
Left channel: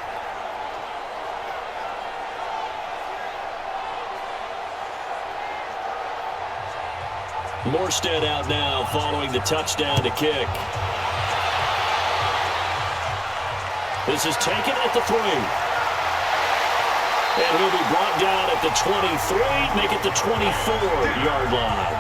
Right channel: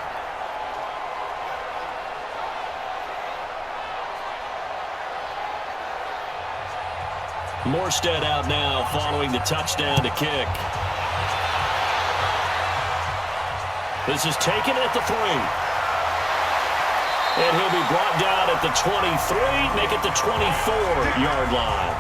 Morstead out now following the touchdown to kick. This is taken at the 3. And he'll be brought down at the 23, make it the 24-yard line.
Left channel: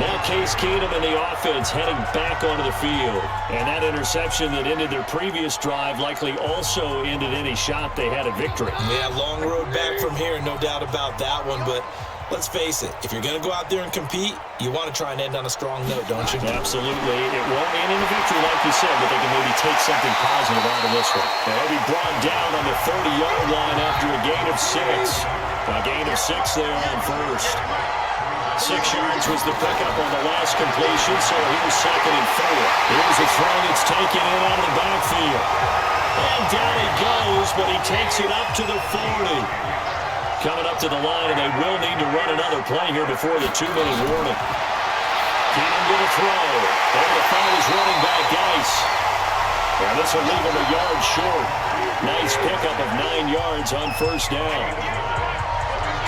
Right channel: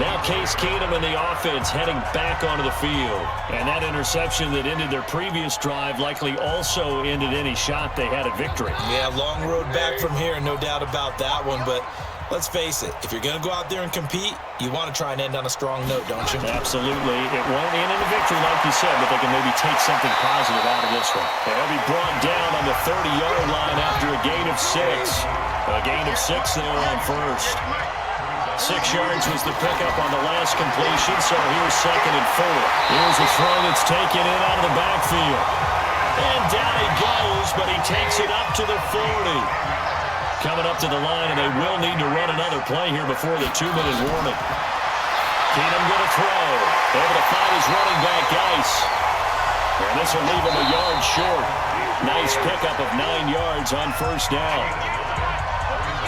Now Case Keenum and the offense heading back onto the field. And that interception that ended their previous drive likely also ended any shot they had at victory. Yeah, long road back from here, no doubt about that one. But Let's face it, if you're going to go out there and compete, you want to try and end on a strong note, don't you? Absolutely. It won't end in a victory like you said, but they can maybe take something positive out of this one. And he'll be brought down on the 30-yard line after a gain of 6. A gain of 6 there on first. 6 yards was the pickup on the last completion, so here's 2nd and 4. Here's a throw that's taken in out of the backfield. And down he goes, but he takes it up to the 40. Coming up to the line, and they will need to run another play here before the 2-minute warning. Keenum going to throw. Able to find his running back, Geis. And this will leave him a yard short. Nice pickup of 9 yards on first down.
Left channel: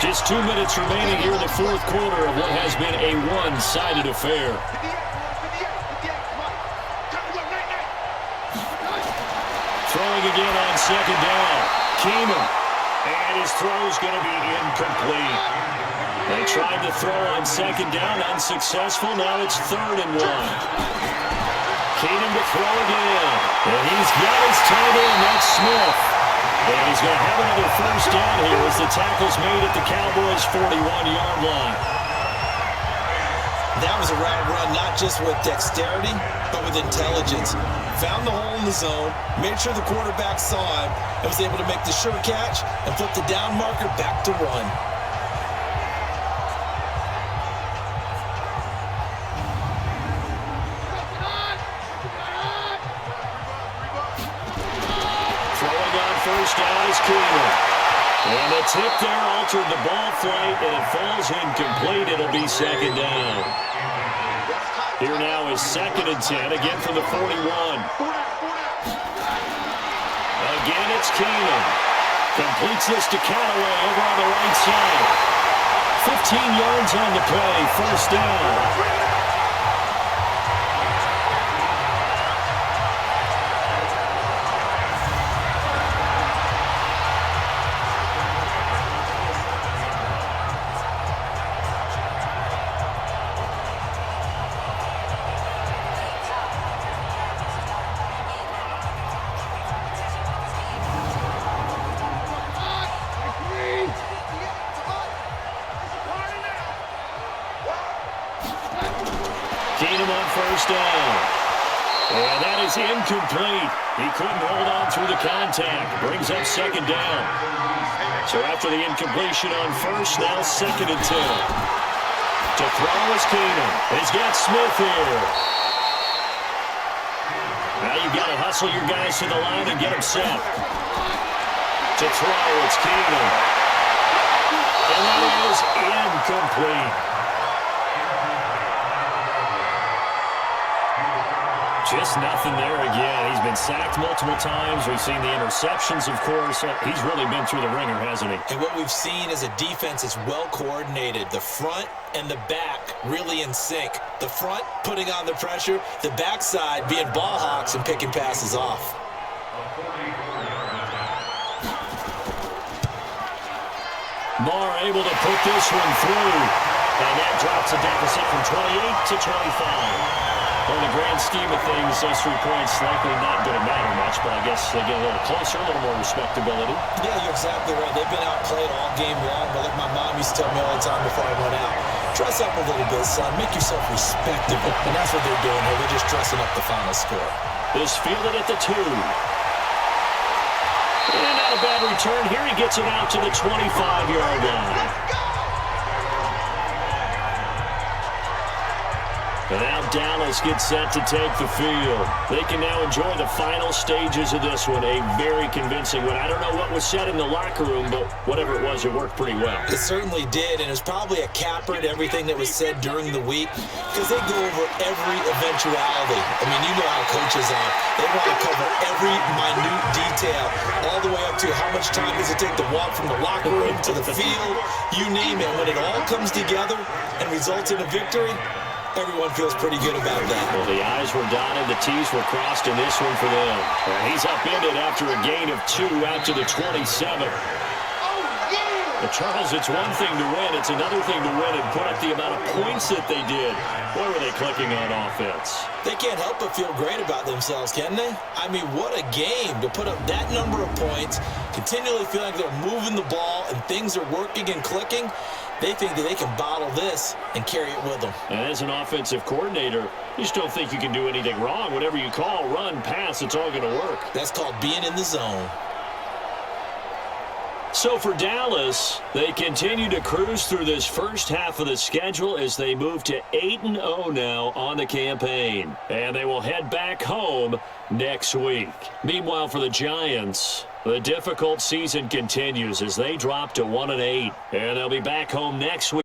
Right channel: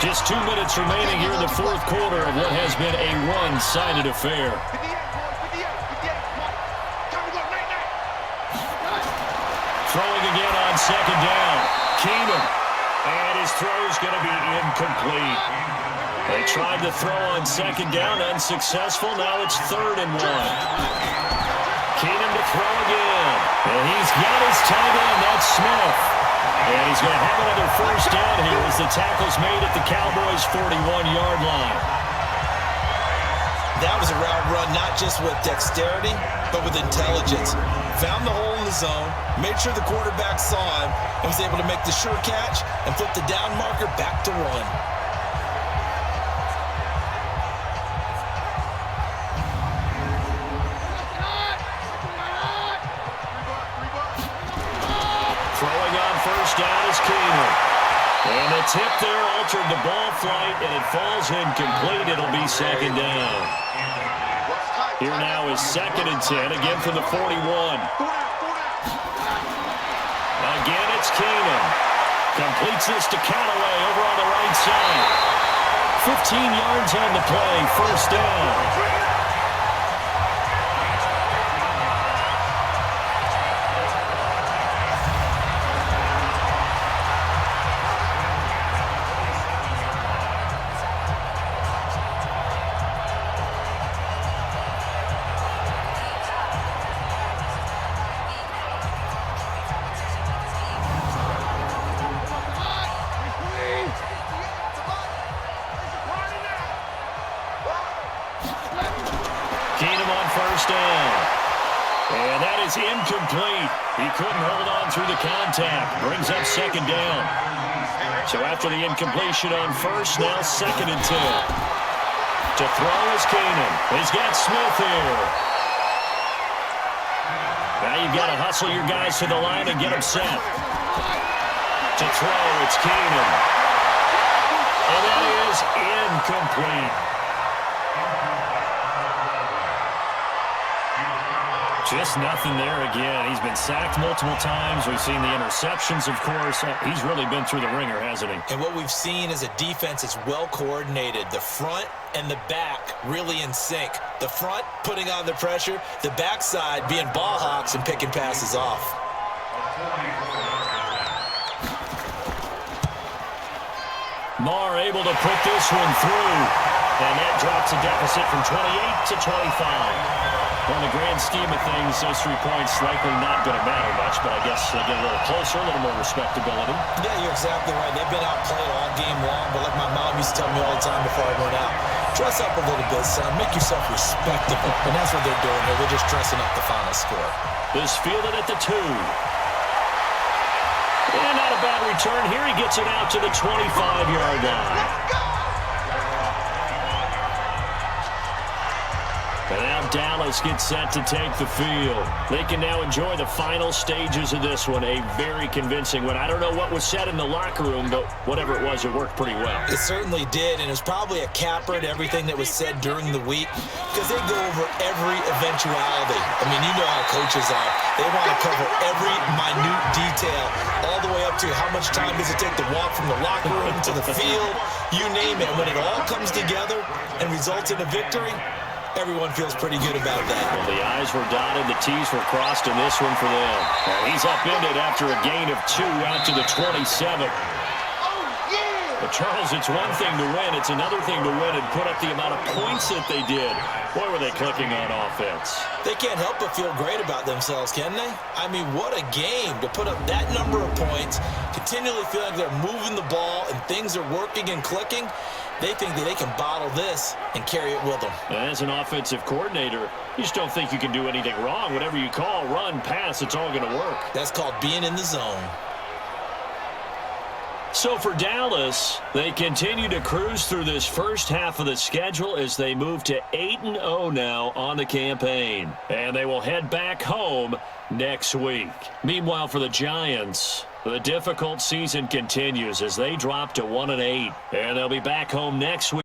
Just 2 minutes remaining here in the fourth quarter of what has been a one-sided affair. Throwing again on 2nd down. Keenum. And his throw's going to be incomplete. They tried to throw on 2nd down, unsuccessful. Now it's 3rd and 1. Keenum to throw again. And he's got his tight end. That's Smith. And he's going to have another first down here as the tackle's made at the Cowboys' 41-yard line. That was a route run not just with dexterity, but with intelligence. Found the hole in the zone, made sure the quarterback saw him, and was able to make the sure catch and flip the down marker back to 1. Throwing on first down is Keenum. And the tip there altered the ball flight, and it falls incomplete. It'll be 2nd down. Here now is 2nd and 10, again from the 41. Again, it's Keenum. Completes this to Callaway over on the right side. 15 yards on the play, first down. Keenum on first down. And that is incomplete. He couldn't hold on through the contact. Brings up 2nd down. So after the incompletion on first, now 2nd and 10. To throw is Keenum. He's got Smith here. Now you've got to hustle your guys to the line and get them set. To throw, it's Keenum. And that is incomplete. Just nothing there again. He's been sacked multiple times. We've seen the interceptions, of course. He's really been through the ringer, hasn't he? And what we've seen is a defense that's well coordinated. The front and the back really in sync. The front putting on the pressure, the backside being ball hawks and picking passes off. Marr able to put this one through. And that drops a deficit from 28 to 25. On the grand scheme of things, those 3 points likely not going to matter much, but I guess they get a little closer, a little more respectability. Yeah, you're exactly right. They've been outplayed all game long, but like my mom used to tell me all the time before I went out, dress up a little bit, son. Make yourself respectable. And that's what they're doing here. They're just dressing up the final score. This fielded at the 2. And not a bad return. Here he gets it out to the 25-yard line. Let's go! And now Dallas gets set to take the field. They can now enjoy the final stages of this one. A very convincing one. I don't know what was said in the locker room, but whatever it was, it worked pretty well. It certainly did, and it was probably a capper to everything that was said during the week because they go over every eventuality. I mean, you know how coaches are. They want to cover every minute detail, all the way up to how much time does it take to walk from the locker room to the field, you name it. And when it all comes together and results in a victory, everyone feels pretty good about that. Well, the I's were dotted, the T's were crossed in this one for them. And he's upended after a gain of 2 out to the 27. Well, Charles, it's one thing to win. It's another thing to win and put up the amount of points that they did. Boy, were they clicking on offense. They can't help but feel great about themselves, can they? I mean, what a game to put up that number of points, continually feel like they're moving the ball and things are working and clicking. They think that they can bottle this and carry it with them. As an offensive coordinator, you just don't think you can do anything wrong. Whatever you call, run, pass, it's all going to work. That's called being in the zone. So for Dallas, they continue to cruise through this first half of the schedule as they move to 8-0 now on the campaign. And they will head back home next week. Meanwhile, for the Giants, the difficult season continues as they drop to 1-8. And they'll be back home next week.